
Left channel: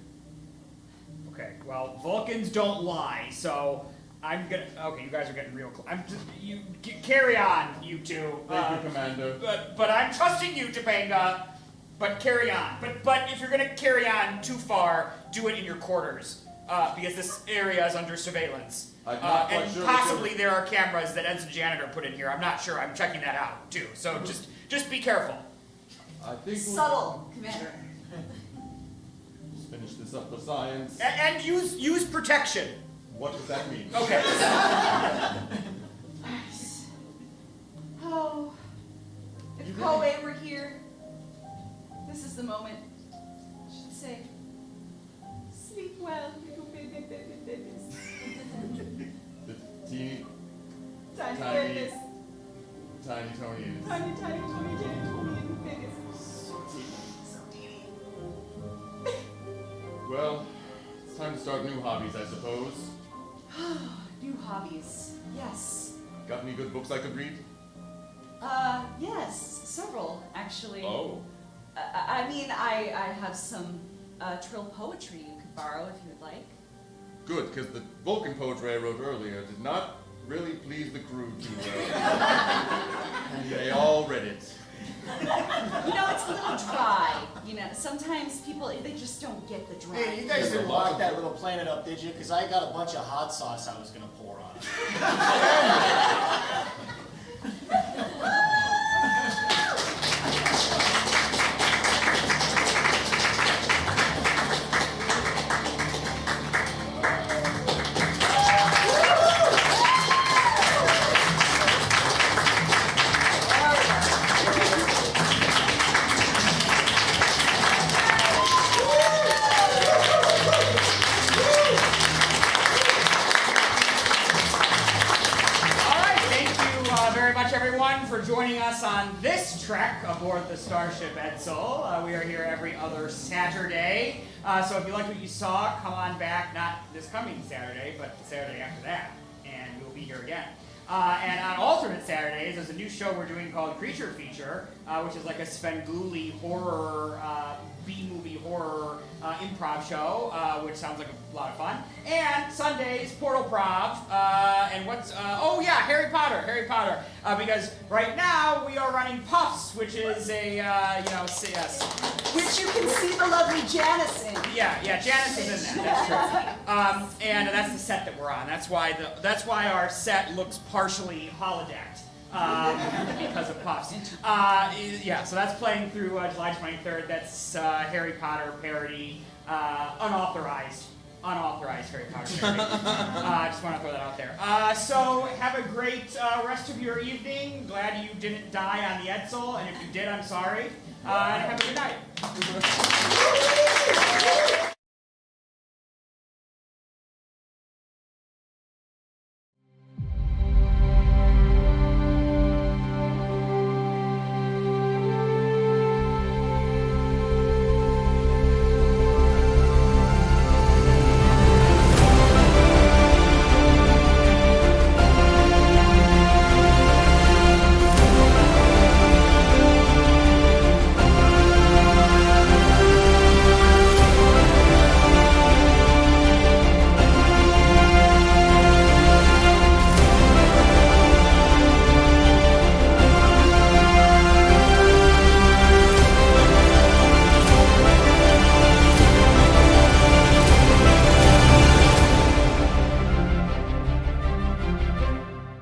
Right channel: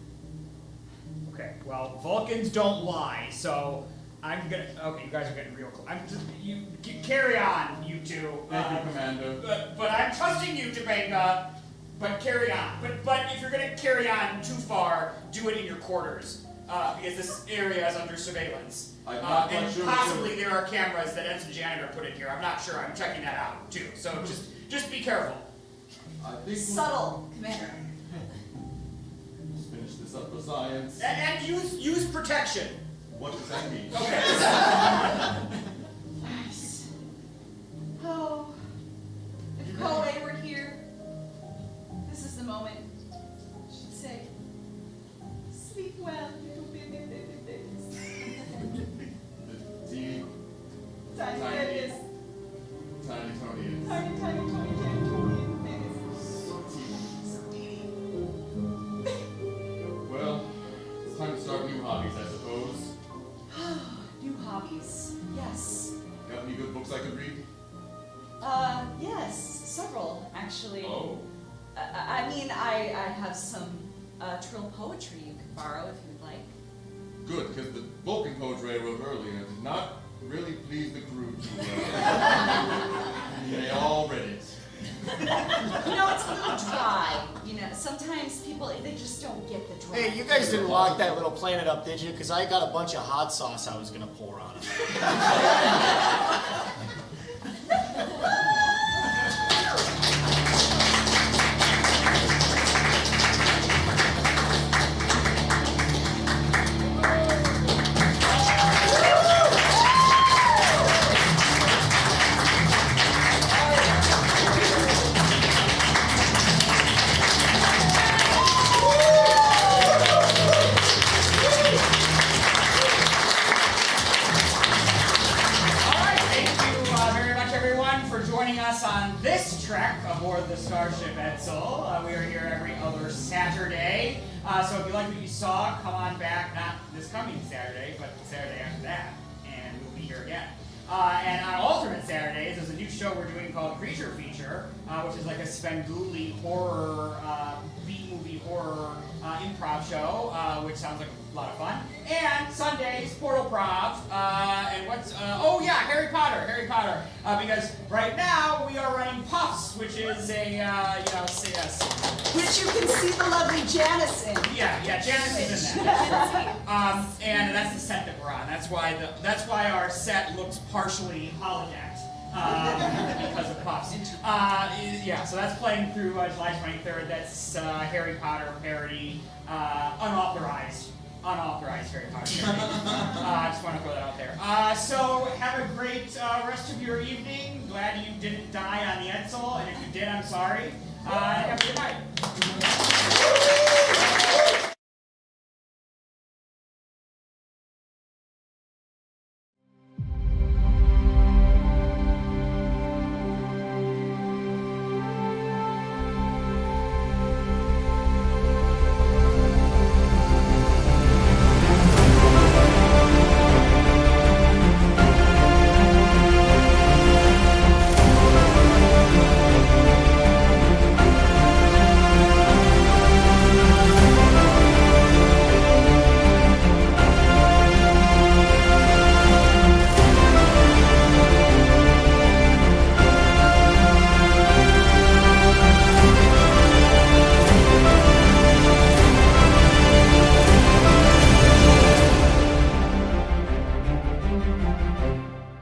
Okay, well, Vulcans don't lie, so I'm gonna. Okay, you guys are getting real close. You carry on, you two. Thank you, Commander. But I'm trusting you, Topanga. But carry on. But if you're gonna carry on too far, do it in your quarters, because this area is under surveillance. I'm not quite and sure possibly there are cameras that Edson Janitor put in here. I'm not sure. I'm checking that out too. So just be careful. I think Subtle, Commander. Let's finish this up for science. And use protection. What does that mean? Okay. Oh, if Colway were here, this is the moment. She'd say, "Sleep well, little baby, baby, babies." The teeny, Tiny Tiny. babies. tiny Tony is. Tiny, tiny, Tony, tiny, Tony, babies. So teeny. Well, it's time to start new hobbies, I suppose. New hobbies. Yes. Got any good books I could read? Yes, several, actually. Oh. I mean, I have some trill poetry you could borrow if you'd like. Good, because the Vulcan poetry I wrote earlier did not really please the crew too well. They all read it. You know, it's a little dry. You know, sometimes people, they just don't get the dry. Hey, you guys didn't lock that little planet up, did you? Because I got a bunch of hot sauce I was going to pour on it. On this trek aboard the Starship Edsel. We are here every other Saturday. So if you like what you saw, come on back, not this coming Saturday, but the Saturday after that, and we'll be here again. And on alternate Saturdays, there's a new show we're doing called Creature Feature, which is like a Svengoolie horror, B-movie horror improv show, which sounds like a lot of fun. And Sundays, Portal Prov, and what's, oh yeah, Harry Potter, because right now we are running Puffs, which is a, Which you can see the lovely Janice in. Yeah, Janice is in that. That's right. And that's the set that we're on. That's why our set looks partially holodecked because of Puffs. Yeah, so that's playing through July 23rd. That's Harry Potter parody, unauthorized Harry Potter parody. I just want to throw that out there. So have a great rest of your evening. Glad you didn't die on the Edsel, and if you did, I'm sorry. And have a good night.